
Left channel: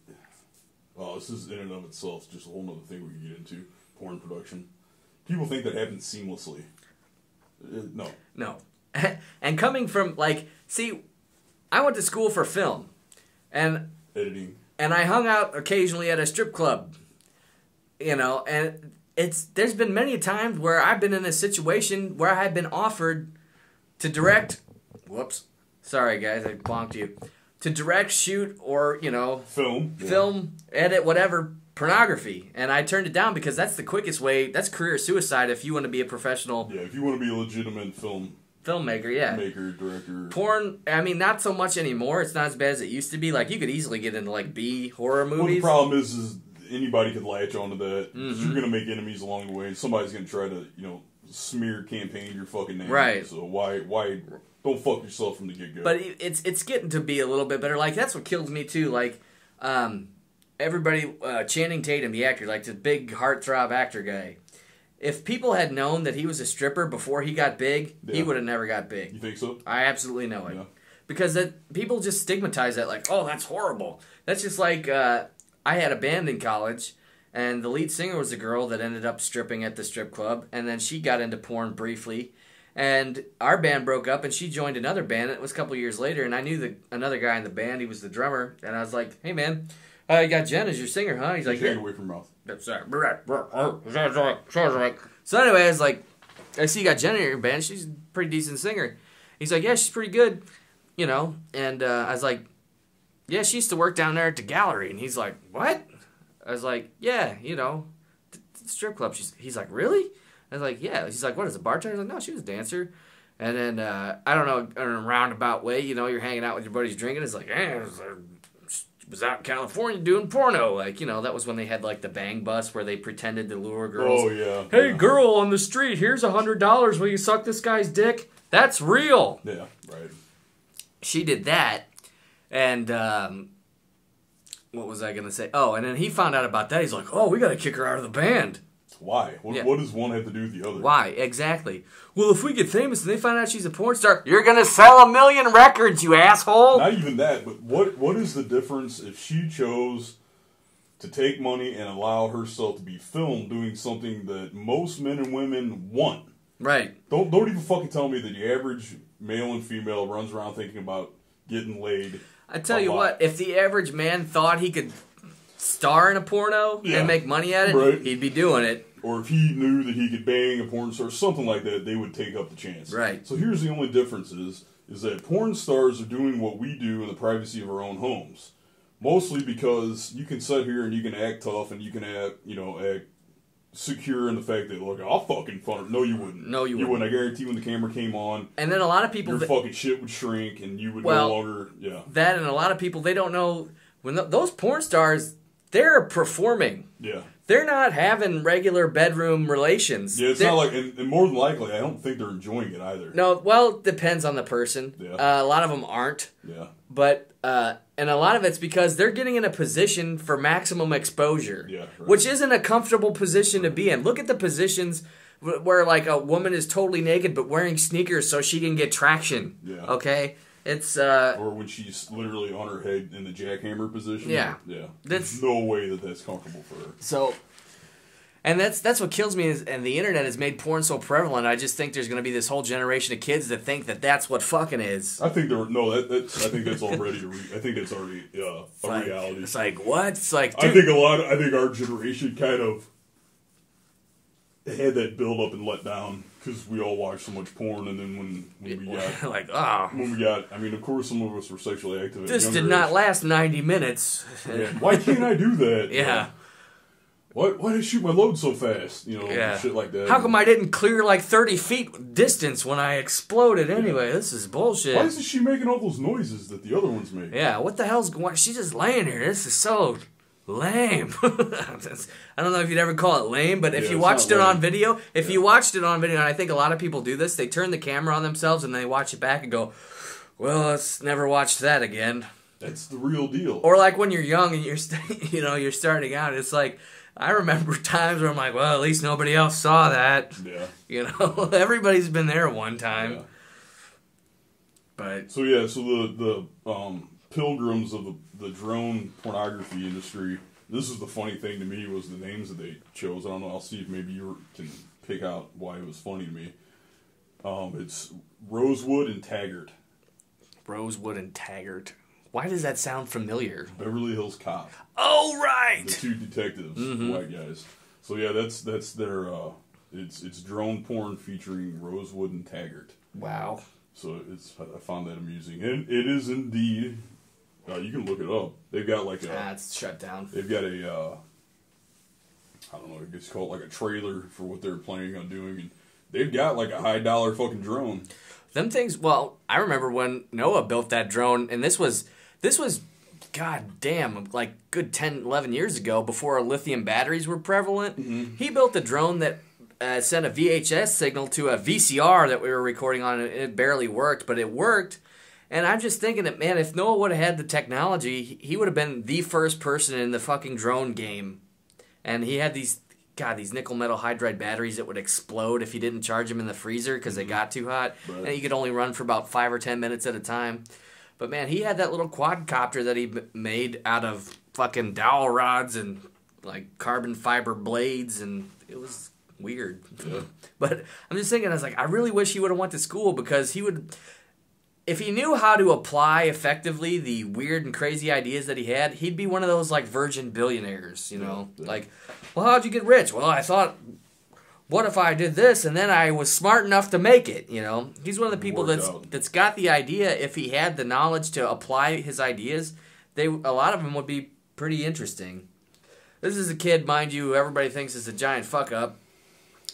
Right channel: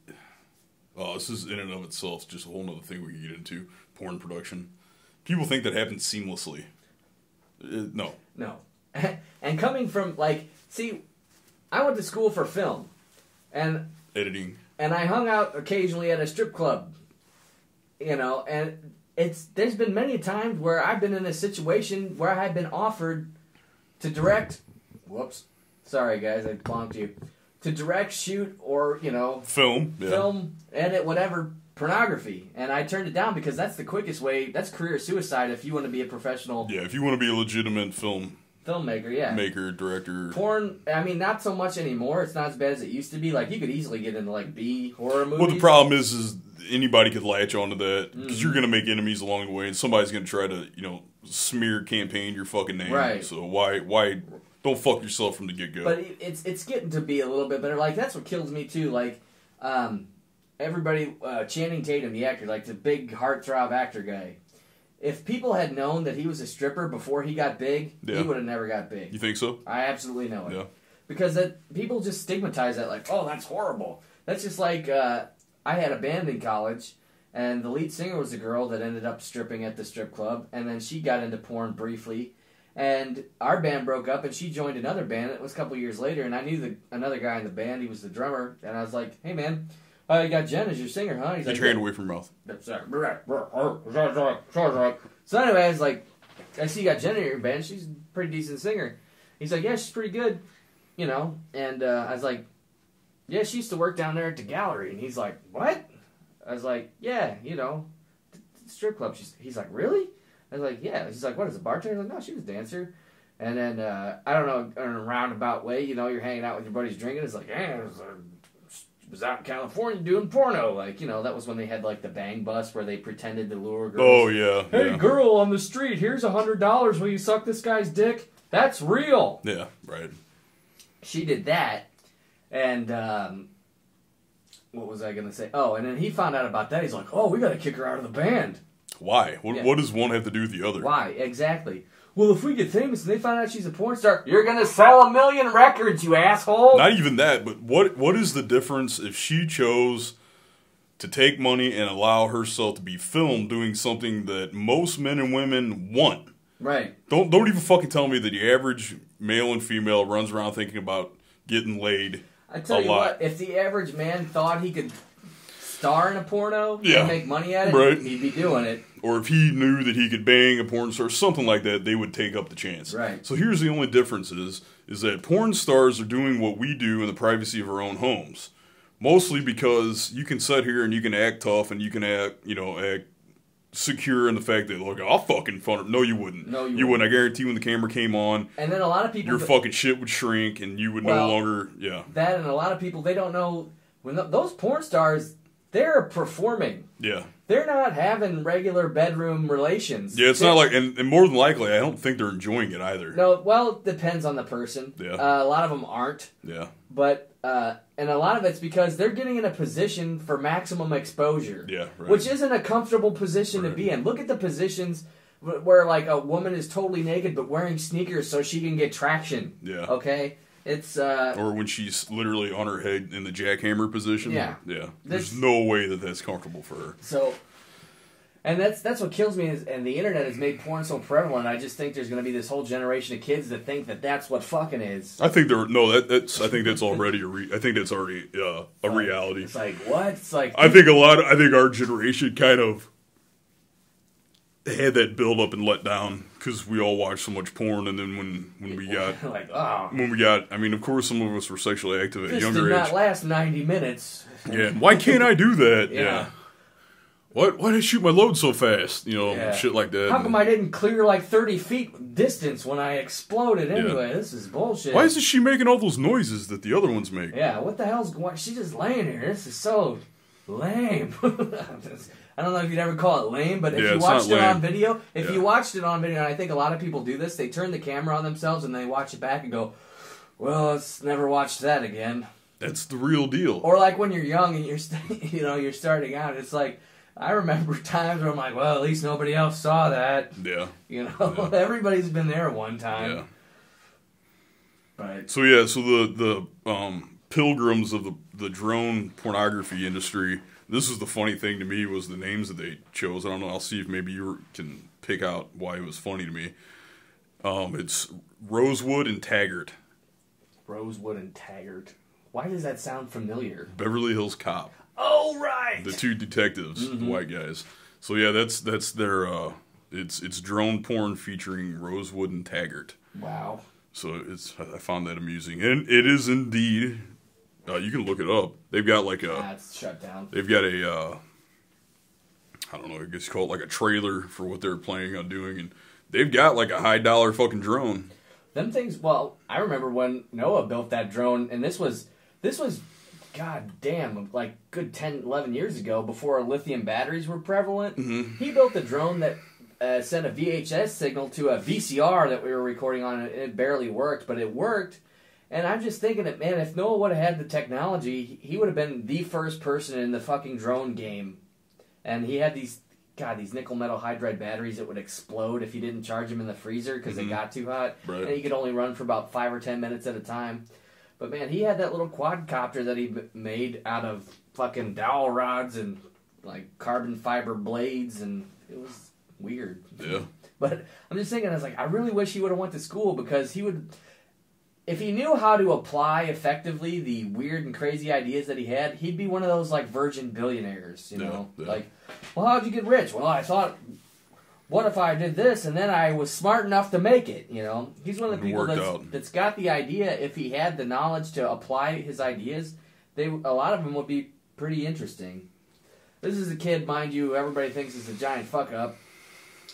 this is in and of itself just a whole other thing we can get into. Porn production. People think that happens seamlessly. No. No. And coming from, like... See, I went to school for film. And... Editing. And I hung out occasionally at a strip club. You know, and there's been many times where I've been in a situation where I had been offered to direct... Whoops. Sorry, guys, I bonked you. To direct, shoot, or, you know... Film, edit, whatever, pornography. And I turned it down because that's the quickest way. That's career suicide if you want to be a professional... Yeah, if you want to be a legitimate filmmaker, yeah. Maker, director... Porn, I mean, not so much anymore. It's not as bad as it used to be. Like, you could easily get into, like, B horror movies. Well, the problem is anybody could latch onto that. Because you're going to make enemies along the way. And somebody's going to try to, you know, smear campaign your fucking name. Right. So why don't fuck yourself from the get-go. But it's getting to be a little bit better. Like, that's what kills me, too. Like, everybody, Channing Tatum, the actor, like the big heartthrob actor guy. If people had known that he was a stripper before he got big, he would have never got big. You think so? I absolutely know it. Yeah. Because people just stigmatize that like, oh, that's horrible. That's just like, I had a band in college, and the lead singer was a girl that ended up stripping at the strip club, and then she got into porn briefly. And our band broke up, and she joined another band. It was a couple years later, and I knew another guy in the band. He was the drummer, and I was like, "Hey, man, you got Jen as your singer, huh?" He's like, "Get your hand away from your mouth." So anyway, I was like, "I see you got Jen in your band. She's a pretty decent singer." He's like, "Yeah, she's pretty good, you know." And I was like, "Yeah, she used to work down there at the gallery." And he's like, "What?" I was like, "Yeah, you know, the strip club." He's like, "Really?" I was like, yeah. She's like, what, is a bartender? I was like, no, she was a dancer. And then, I don't know, in a roundabout way, you know, you're hanging out with your buddies drinking. It's like, was out in California doing porno. Like, you know, that was when they had, like, the bang bus where they pretended to lure girls. Oh, yeah. Hey, girl on the street, here's $100. Will you suck this guy's dick? That's real. Yeah, right. She did that. And what was I gonna say? Oh, and then he found out about that. He's like, oh, we gotta kick her out of the band. Why? What does one have to do with the other? Why? Exactly. Well, if we get famous and they find out she's a porn star, you're gonna sell 1 million records, you asshole. Not even that, but what is the difference if she chose to take money and allow herself to be filmed doing something that most men and women want? Right. Don't even fucking tell me that the average male and female runs around thinking about getting laid. I tell you what, if the average man thought he could star in a porno and make money at it, he'd be doing it. Or if he knew that he could bang a porn star, something like that, they would take up the chance. Right. So here's the only difference is that porn stars are doing what we do in the privacy of our own homes. Mostly because you can sit here and you can act tough and you can act secure in the fact that, look, I'll fucking fun her. No, you wouldn't. No, you wouldn't. I guarantee when the camera came on, and then a lot of people, your fucking shit would shrink and you would no longer, That, and a lot of people, they don't know, when those porn stars, they're performing. Yeah. They're not having regular bedroom relations. Yeah, it's not like, and more than likely, I don't think they're enjoying it either. No, well, it depends on the person. Yeah. A lot of them aren't. Yeah. But, and a lot of it's because they're getting in a position for maximum exposure. Yeah, right. Which isn't a comfortable position to be in. Look at the positions where, like, a woman is totally naked but wearing sneakers so she can get traction. Yeah. Okay? It's, or when she's literally on her head in the jackhammer position. Yeah. Yeah. There's no way that that's comfortable for her. So, and that's what kills me is, and the internet has made porn so prevalent, I just think there's going to be this whole generation of kids that think that that's what fucking is. I think I think that's already a reality. It's like, what? It's like, dude. I think our generation kind of had that build up and let down because we all watched so much porn, and then when we got I mean, of course some of us were sexually active at this younger did not age. last 90 minutes. Yeah. Why can't I do that? Yeah. Why did I shoot my load so fast? Shit like that. How come I didn't clear like 30 feet distance when I exploded anyway? This is bullshit. Why isn't she making all those noises that the other ones make? Yeah, what the hell's going on? She's just laying here. This is so lame. I don't know if you'd ever call it lame, but if you watched it on video, you watched it on video, and I think a lot of people do this, they turn the camera on themselves and they watch it back and go, well, let's never watch that again. That's the real deal. Or like when you're young and you're starting out, it's like, I remember times where I'm like, well, at least nobody else saw that. Yeah. Everybody's been there one time. Yeah. But so the pilgrims of the drone pornography industry. This is the funny thing to me was the names that they chose. I don't know. I'll see if maybe you can pick out why it was funny to me. It's Rosewood and Taggart. Rosewood and Taggart. Why does that sound familiar? Beverly Hills Cop. Oh, right. The two detectives, the white guys. So yeah, that's their it's drone porn featuring Rosewood and Taggart. Wow. So I found that amusing, and it is indeed. You can look it up. They've got like a. It's shut down. They've got a. I don't know. I guess you call it like a trailer for what they're planning on doing, and they've got like a $high fucking drone. Them things. Well, I remember when Noah built that drone, and this was, god damn, like good 10, 11 years ago, before lithium batteries were prevalent. Mm-hmm. He built a drone that sent a VHS signal to a VCR that we were recording on. It barely worked, but it worked. And I'm just thinking that, man, if Noah would have had the technology, he would have been the first person in the fucking drone game. And he had these nickel metal hydride batteries that would explode if you didn't charge them in the freezer because they got too hot. Right. And you could only run for about 5 or 10 minutes at a time. But, man, he had that little quadcopter that he made out of fucking dowel rods and, like, carbon fiber blades, and it was weird. Yeah. But I'm just thinking, I was like, I really wish he would have went to school because he would... If he knew how to apply effectively the weird and crazy ideas that he had, he'd be one of those, like, virgin billionaires, you know? Yeah. Like, well, how'd you get rich? Well, I thought, what if I did this and then I was smart enough to make it, you know? He's one of the people that's got the idea. If he had the knowledge to apply his ideas, a lot of them would be pretty interesting. This is a kid, mind you, who everybody thinks is a giant fuck-up.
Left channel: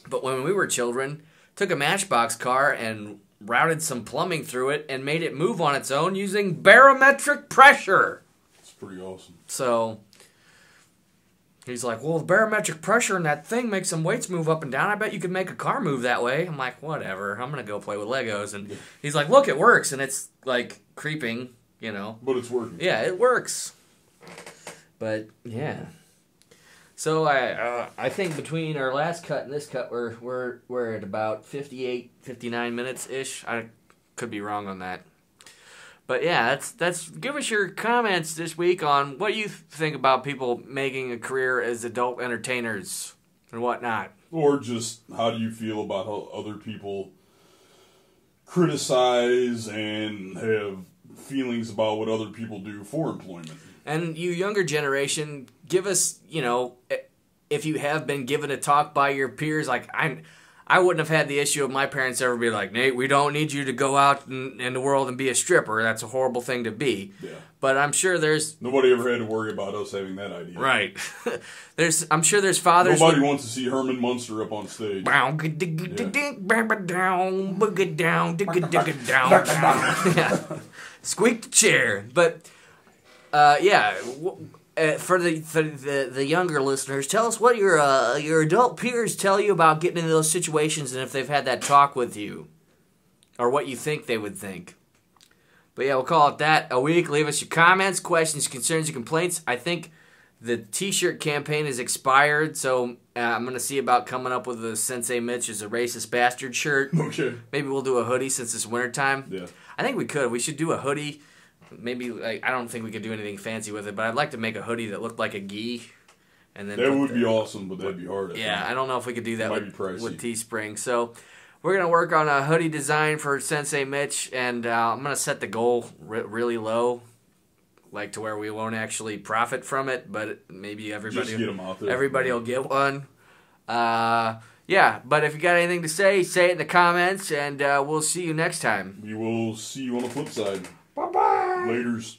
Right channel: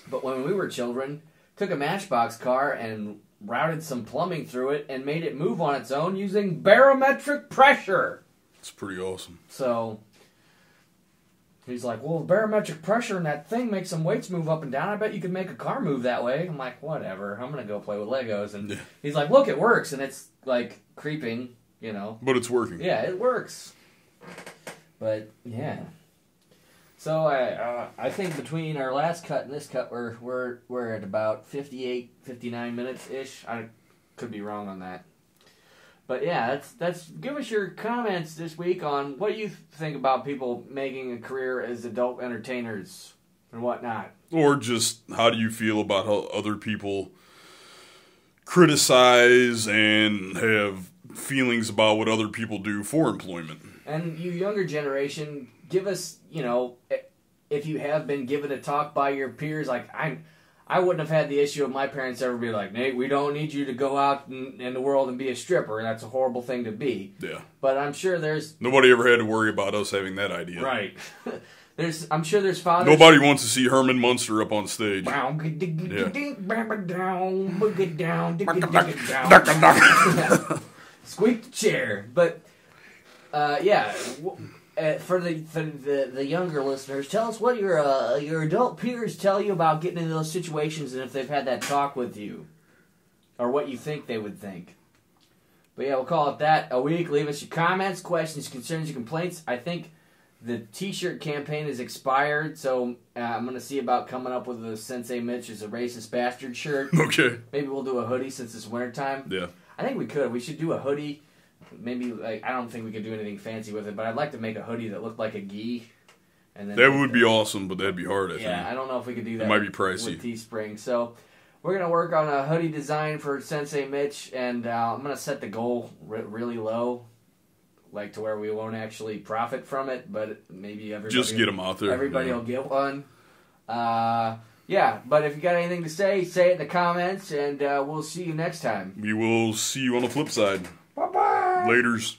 But when we were children, took a Matchbox car and routed some plumbing through it and made it move on its own using barometric pressure. It's pretty awesome. So he's like, well, the barometric pressure in that thing makes some weights move up and down. I bet you could make a car move that way. I'm like, whatever. I'm going to go play with Legos. And he's like, look, it works. And it's like creeping, you know. But it's working. Yeah, it works. But yeah. So I think between our last cut and this cut, we're at about 58, 59 minutes ish. I could be wrong on that. But yeah, that's give us your comments this week on what you think about people making a career as adult entertainers and whatnot. Or just how do you feel about how other people criticize and have feelings about what other people do for employment. And you younger generation, give us, if you have been given a talk by your peers, like I wouldn't have had the issue of my parents ever be like, Nate, we don't need you to go out in the world and be a stripper. That's a horrible thing to be. Yeah. But I'm sure there's... Nobody ever had to worry about us having that idea. Right. I'm sure there's fathers... Nobody wants to see Herman Munster up on stage. Squeak the chair. But, for the younger listeners, tell us what your adult peers tell you about getting into those situations and if they've had that talk with you. Or what you think they would think. But yeah, we'll call it that a week. Leave us your comments, questions, concerns, and complaints. I think the t-shirt campaign is expired, so I'm going to see about coming up with a Sensei Mitch is a racist bastard shirt. Okay. Maybe we'll do a hoodie since it's wintertime. Yeah. I think we could. We should do a hoodie. Maybe, I don't think we could do anything fancy with it, but I'd like to make a hoodie that looked like a gi. And then that would be awesome, but that'd be hard, I think. I don't know if we could do that. It might be pricey. With Teespring. So we're going to work on a hoodie design for Sensei Mitch, and I'm going to set the goal really low, like to where we won't actually profit from it, but maybe everybody... Just get them out there. Everybody will get one. But if you got anything to say it in the comments, and we'll see you next time. We will see you on the flip side. Bye-bye. Laters.